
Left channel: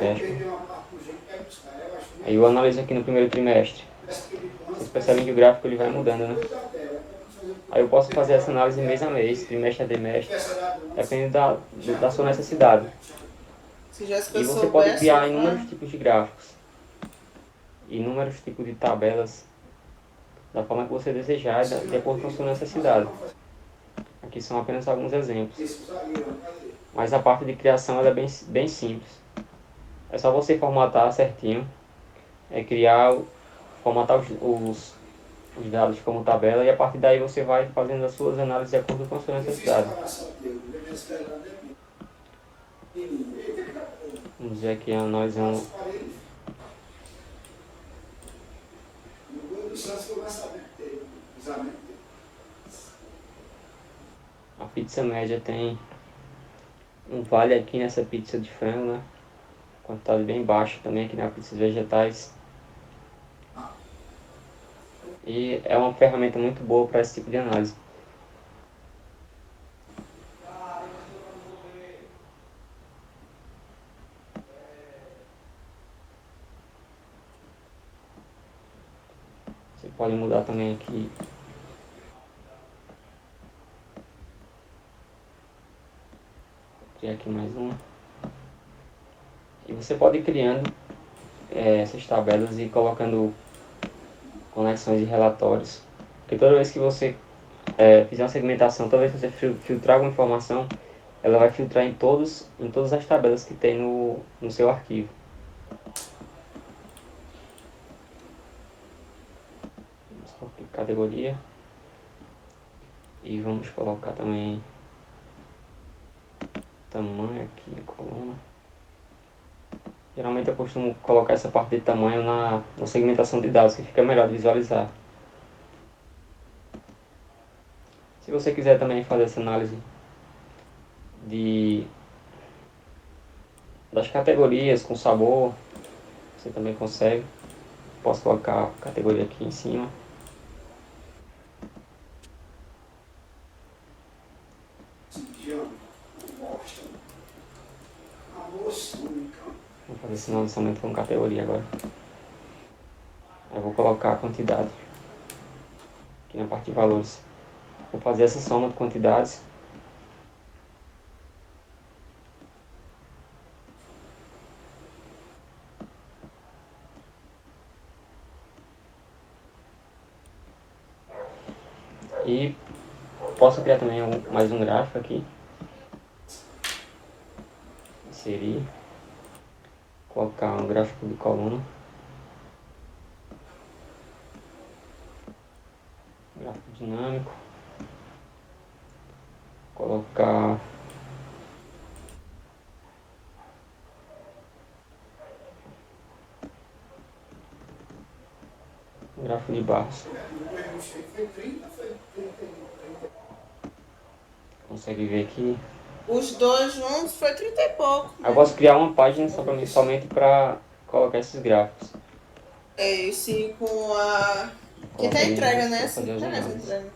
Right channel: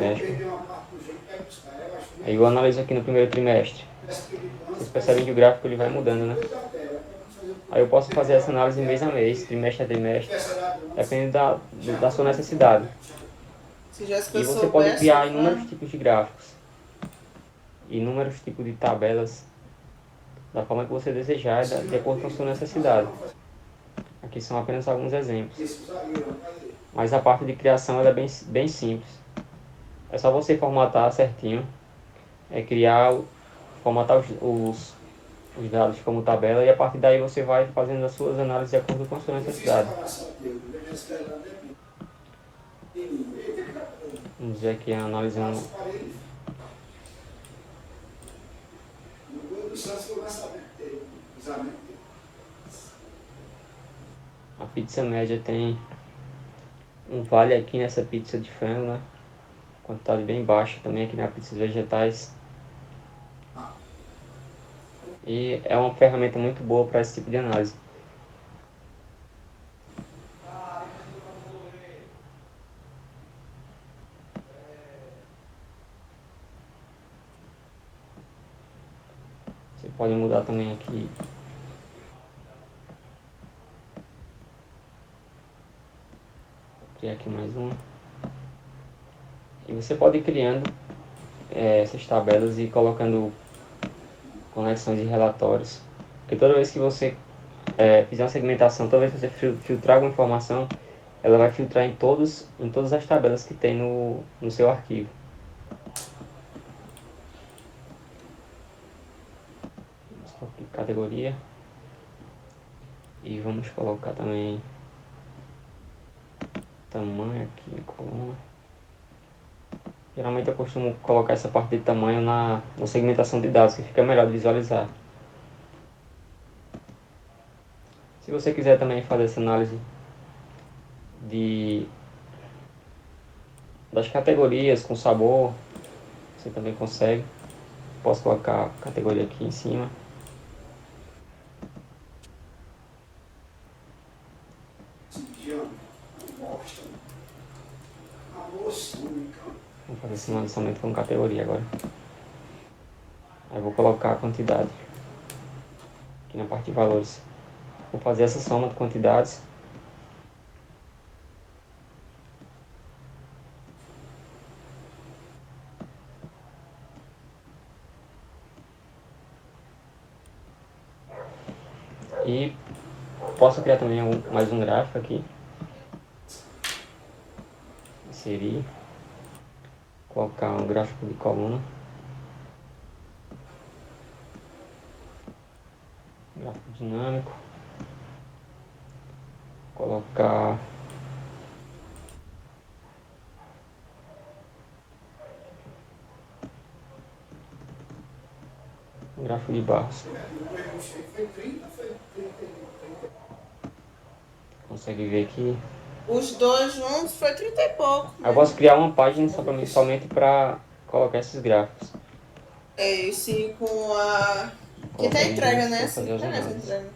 dashboard. Aí eu analiso aqui no primeiro trimestre. Vocês percebem que o gráfico ele vai mudando, né? Aí eu posso fazer essa análise mês a mês, trimestre a trimestre, depende da sua necessidade. Se Jéssica E você pode soubesse, criar inúmeros tipos de gráficos, inúmeros tipos de tabelas, da forma que você desejar, de acordo com a sua necessidade. Aqui são apenas alguns exemplos. Mas a parte de criação ela é bem simples. É só você formatar certinho, formatar os dados como tabela e a partir daí você vai fazendo as suas análises de acordo com a sua necessidade. Vamos dizer aqui analisando pizza média tem um vale aqui nessa pizza de frango, né? Quantidade bem baixa também aqui na pizza de vegetais. E é uma ferramenta muito boa para esse tipo de análise. Você pode mudar também aqui. Vou criar aqui mais uma. E você pode ir criando essas tabelas e colocando conexões e relatórios. Porque toda vez que você fizer uma segmentação, toda vez que você filtrar alguma informação, ela vai filtrar em todas as tabelas que tem no seu arquivo. Vamos colocar categoria. E vamos colocar também tamanho aqui em coluna. Geralmente eu costumo colocar essa parte de tamanho na segmentação de dados, que fica melhor de visualizar. Se você quiser também fazer essa análise das categorias com sabor, você também consegue. Posso colocar a categoria aqui em cima. Não gosta. Amor única. Vou fazer esse lançamento com categoria agora. Aí vou colocar a quantidade aqui na parte de valores. Vou fazer essa soma de quantidades. E posso criar também mais um gráfico aqui. Inserir. Colocar um gráfico de coluna. Gráfico dinâmico. Colocar um gráfico de barras. Foi 30, foi 30. Consegue ver aqui. Os dois juntos foi 30 e pouco. Eu posso criar uma página somente para colocar esses gráficos. É, esse com a. Que tá Coloca entrega, né? vou Assim, fazer as tá nessa análises. entrega.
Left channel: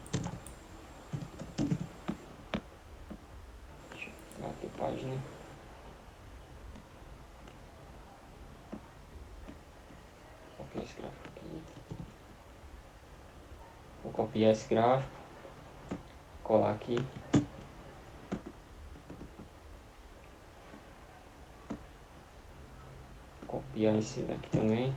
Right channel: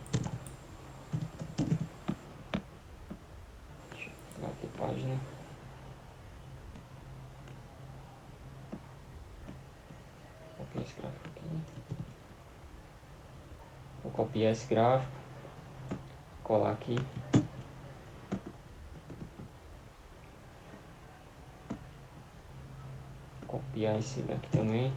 Bater página. Copiar esse gráfico aqui. Vou copiar esse gráfico. Colar aqui. Copiar em cima aqui também.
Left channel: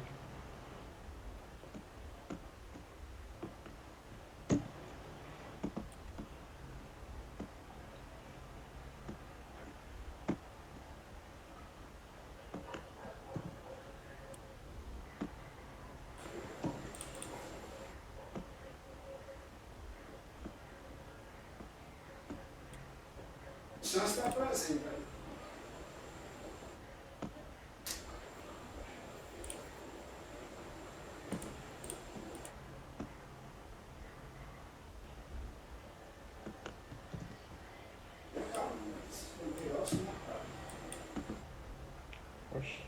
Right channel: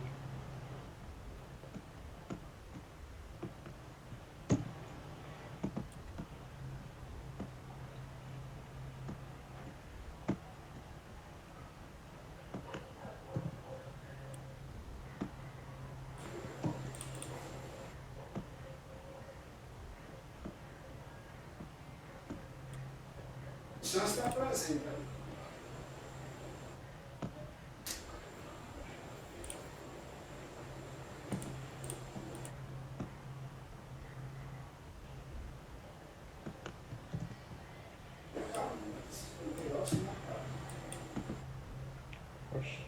Chance está presente, velho. Oxi.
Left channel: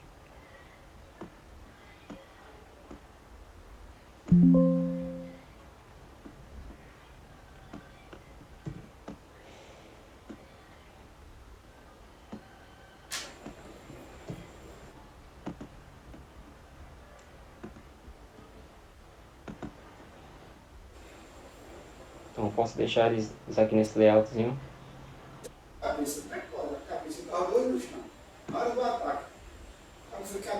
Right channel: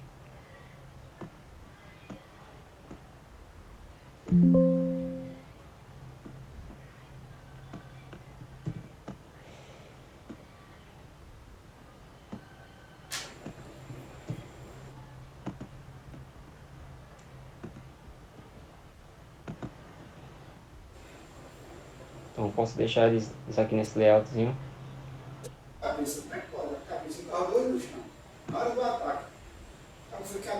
Então eu posso deixar eles aqui nesse layoutzinho. Cabeça, decora, cabeça, os dois no chão. Na hora do ataque.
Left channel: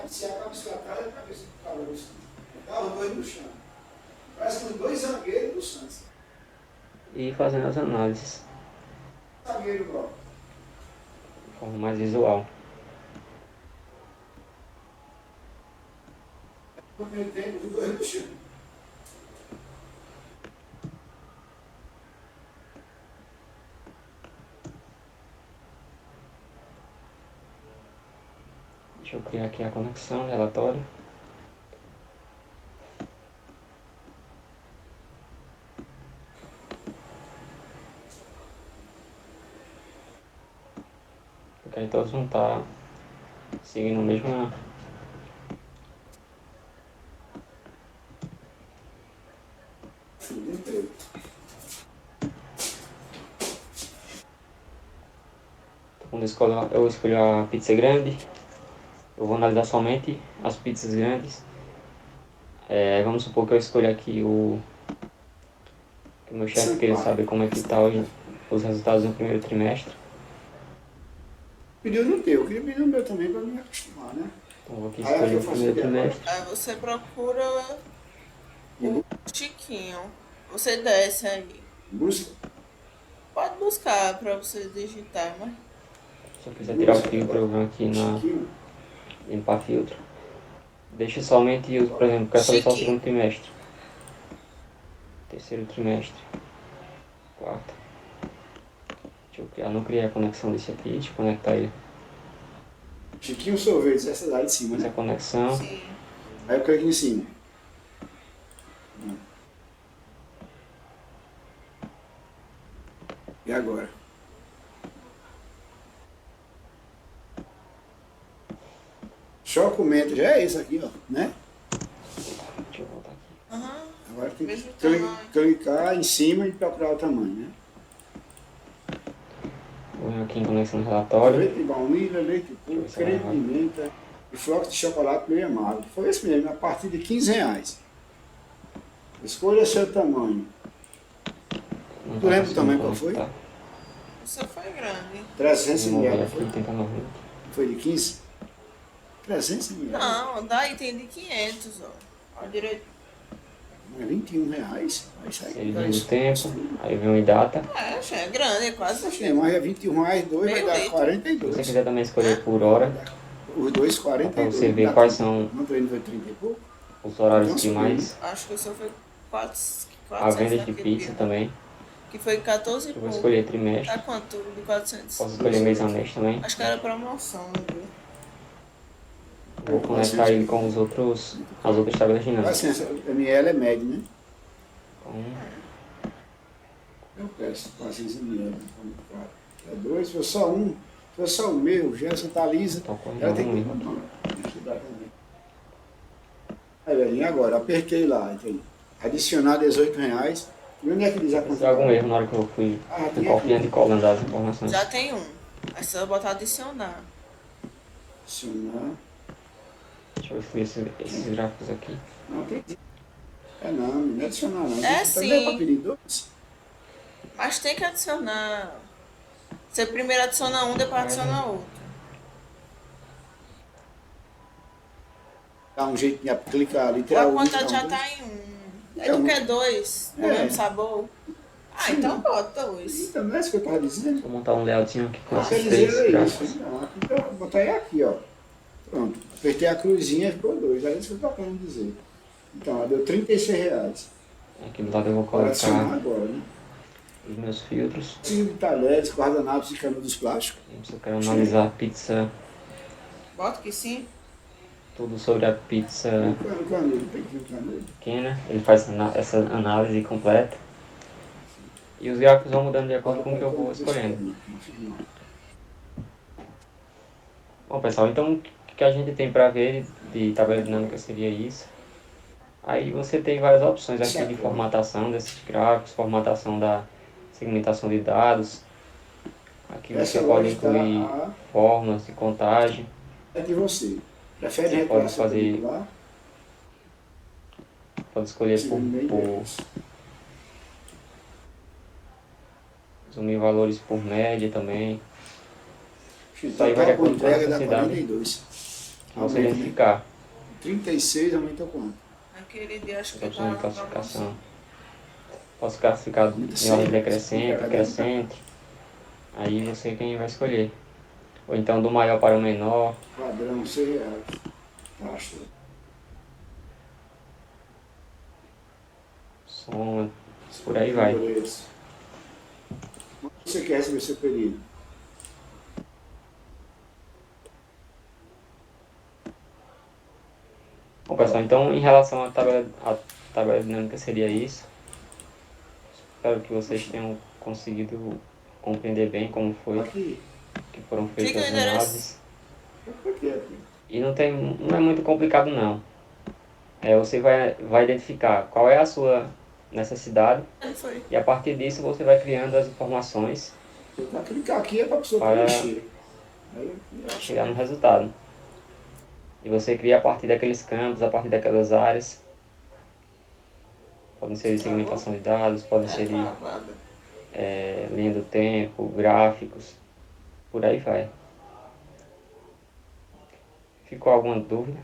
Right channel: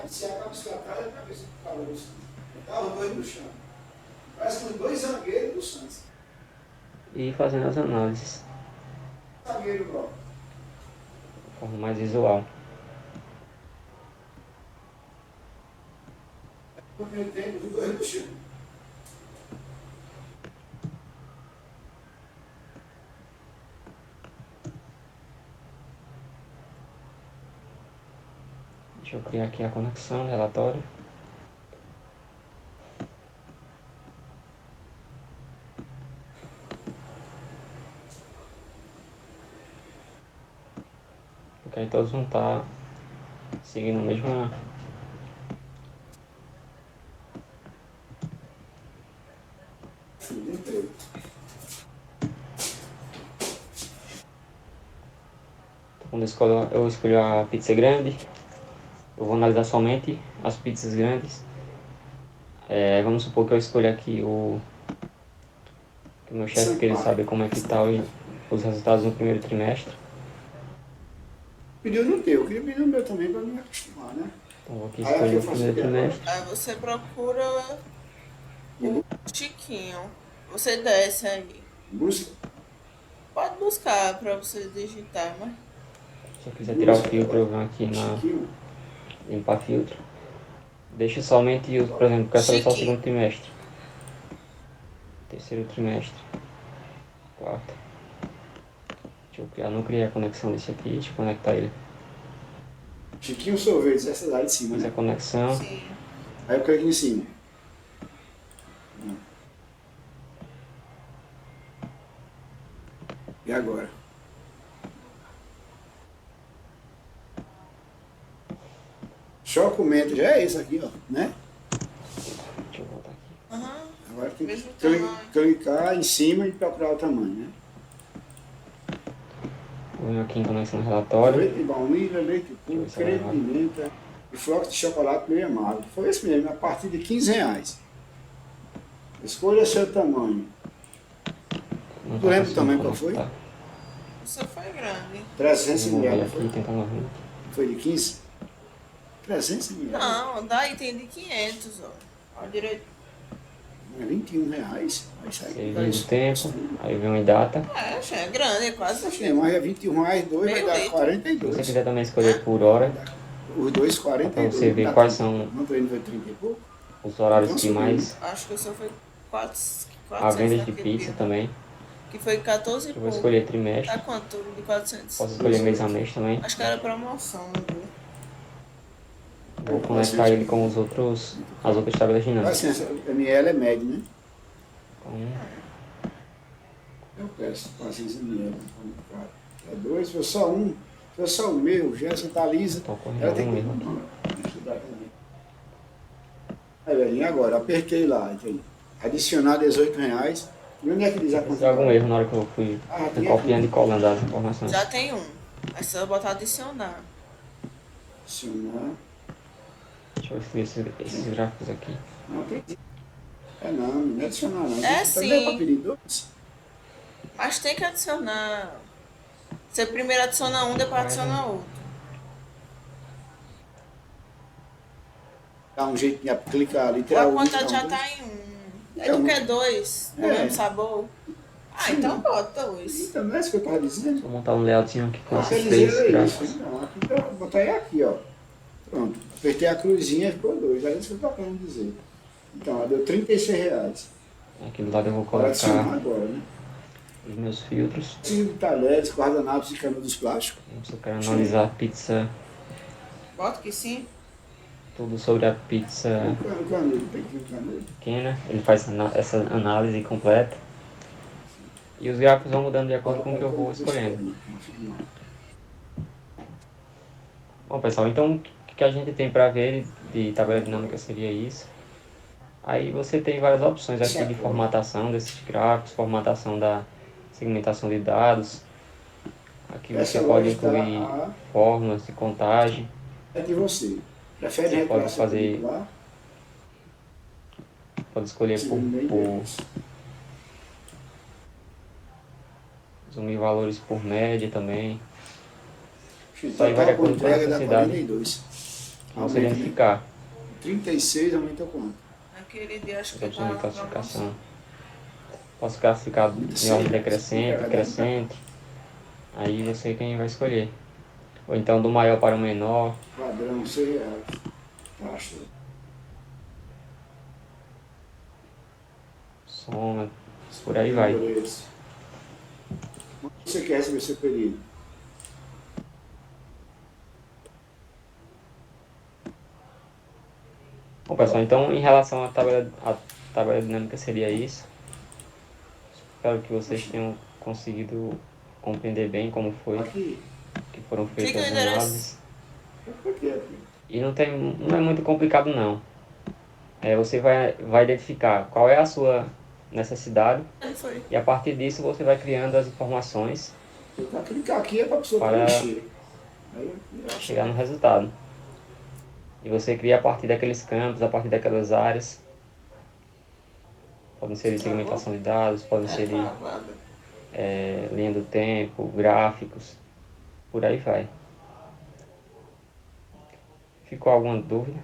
Se a cabeça atrás, a cabeça ficava no chão. Os dois no chão. Parece que os dois zagueiros do Santos. E fazendo as análises Zagueiro logo. de forma mais visual. No primeiro tempo, os dois no chão. Deixa eu criar aqui a conexão, relatório. Porque aí todos vão estar seguindo a mesma. Entrei. Quando eu escolho a pizza grande, eu vou analisar somente as pizzas grandes. Vamos supor que eu escolha aqui que o meu chefe queria saber como é que está os resultados no primeiro trimestre. Pediu no teu, eu queria pedir no meu também para me acostumar, né? Então vou aqui Aí aqui escolher eu o faço primeiro o quê agora? trimestre. Aí você procura o Chiquinho. Você desce aí. Busca. Pode buscar pra você digitar, mas Se eu quiser tirar o filtro, eu venho aqui na Chiquinho. limpar filtro. Deixo somente, por exemplo, quero saber só o Chiquinho. segundo trimestre. Terceiro trimestre. Quarto. Deixa eu criar, não criei a conexão desse aqui, deixa eu conectar ele. Chiquinho sorvete, essa lá de cima, Essa é né? a conexão. sim. Aí eu clico em cima. E agora? Chocomento, já é esse aqui, ó, né? Deixa eu voltar aqui. Aham. Agora tem que Mesmo tamanho. clicar em cima e procurar o tamanho, né? Vou aqui em conexão de relatório. Leite de baunilha, leite puro, creme de menta e flocos de chocolate meio amargo. Foi esse mesmo, a partir de R$ 15. Escolha seu tamanho. Não Tu tá lembra o conseguindo tamanho qual foi? conectar. O seu foi grande. 300 Vou ver ml, aqui, foi? tentando abrir. Foi de 15? 300 ml. Não, daí tem de 500, ó. Olha direito. É R$ 21. Vai sair Ele com vem do isso. tempo, aí vem em data. É, já é grande, é quase É, mas é R$ 21, 2 vai Meio dar litro. Se você 42. quiser também escolher por hora, Os dois, pra 42. você ver dá quais 30. são Não tô indo, foi 30 e pouco. os horários Então que subiu, mais. Acho que o seu foi 4, A 400 venda de naquele pizza dia. também. Que foi 14 e Eu vou pouco. escolher trimestre. Tá quanto de 400? Posso escolher mês a mês também. Acho que era promoção, não viu? Vou conectar ele com as outras tabelas dinâmicas. Assim, essa ml é médio, né? Então, Eu peço paciência ml. É 2, se for só um. Se for só o meu, Gerson tá lisa. tô correndo Ela tem que mesmo. estudar também. Aí, velhinho, agora, apertei lá, entende? Adicionar R$ 18. E onde é que diz a Se quantidade? algum erro na hora que eu fui Ah, tem copiando e aqui. colando as informações. Já tem um. Aí você vai botar adicionar. Adicionar. Deixa eu ver esses gráficos aqui. Não, tem. Não é adicionar não. É Também é sim. para pedir 2. Mas tem que adicionar. Você primeiro adiciona um, depois adiciona outro. Dá um jeito de clicar ali, Ou tirar a o quantidade já dois. tá em um. Aí É tu um. quer dois do É. mesmo sabor? Ah, Sim. então bota dois. Então, não é isso que eu estava dizendo? Vou montar um layoutzinho aqui com Quer esses dizer, três é gráficos. isso. Não, aqui eu vou botar aí aqui, ó. Pronto. Apertei a cruzinha e ficou 2. É isso que eu estou querendo dizer. Então, ó, deu R$ 36. Aqui do lado eu vou Bora adicionar colocar agora, né? os meus filtros. Preciso de talheres, guardanapos e canudos plásticos. Se eu quero analisar a pizza, Bota que sim. tudo sobre a pizza O canudo, tem que vir o canudo. pequena, ele faz essa análise completa. E os gráficos vão mudando de acordo com o que eu vou escolhendo. Bom, pessoal, então o que a gente tem para ver de tabela dinâmica seria isso. Aí você tem várias opções aqui de formatação desses gráficos, formatação da segmentação de dados. Aqui você Essa pode lógica incluir A fórmulas de contagem. é de você. Prefere Você pode reclassificar fazer- lá? Pode escolher por resumir valores por média também. Então, Aí vai tá de com acordo com a entrega dá necessidade. 42. Você Aumenta, né? identificar 36 aumenta quanto? Naquele dia acho as que opções tava de na classificação. promoção. Posso classificar Muito em ordem cedo. decrescente, crescente. Aí você quem vai escolher. Ou então do maior para o menor. Padrão, R$ 6. Taxa. Soma, por aí vai. Quando você quer receber seu pedido? Bom, pessoal, então em relação à tabela dinâmica seria isso. Espero que vocês tenham conseguido compreender bem como foi Aqui. que foram Clica feitas no em endereço. aves. Por quê, filho? E não é muito complicado não. Você vai identificar qual é a sua necessidade Não foi. e a partir disso você vai criando as informações Tentar clicar aqui é para a pessoa para preencher. Aí eu acho chegar no resultado. E você cria a partir daqueles campos, a partir daquelas áreas. Podem ser de segmentação de dados, podem ser de Travada. linha do tempo, gráficos, por aí vai. Ficou alguma dúvida?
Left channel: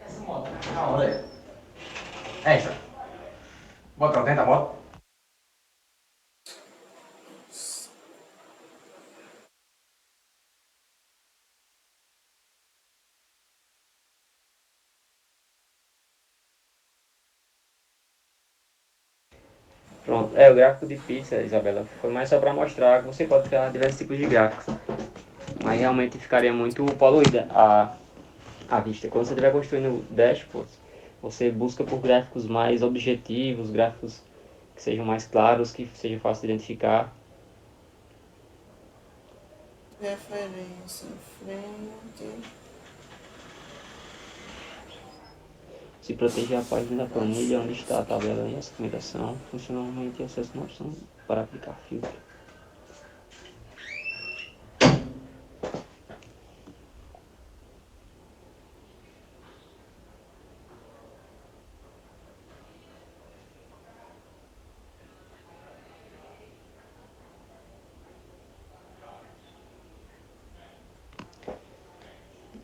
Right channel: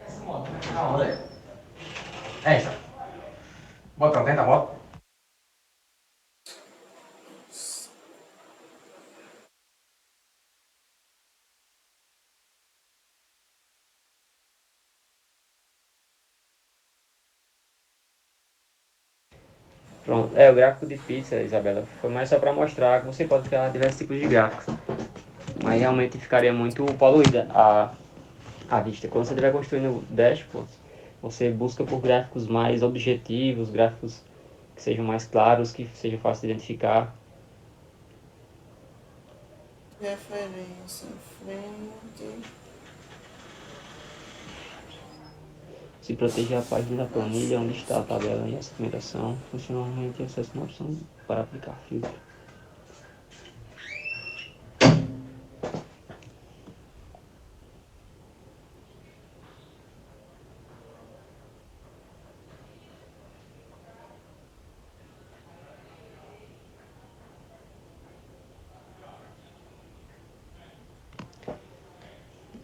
Essa moto, na hora é. Essa. Bota dentro da moto. Pronto, o gráfico de pizza, Isabela, foi mais só para mostrar que você pode criar diversos tipos de gráficos. Mas realmente ficaria muito poluída a vista. Quando você estiver construindo dashboards, você busca por gráficos mais objetivos, gráficos que sejam mais claros, que sejam fáceis de identificar. Referência em frente. Se proteger a página da planilha onde está a tabela e a segmentação, funcionalmente acesse uma opção para aplicar filtro.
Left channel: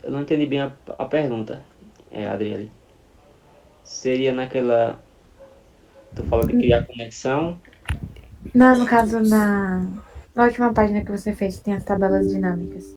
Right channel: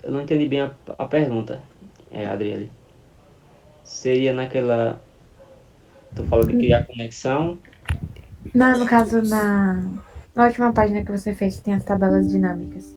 Eu não entendi bem a pergunta, Adriele. Seria naquela. Tu falou de criar conexão. Não, no caso, na última página que você fez, tem as tabelas dinâmicas.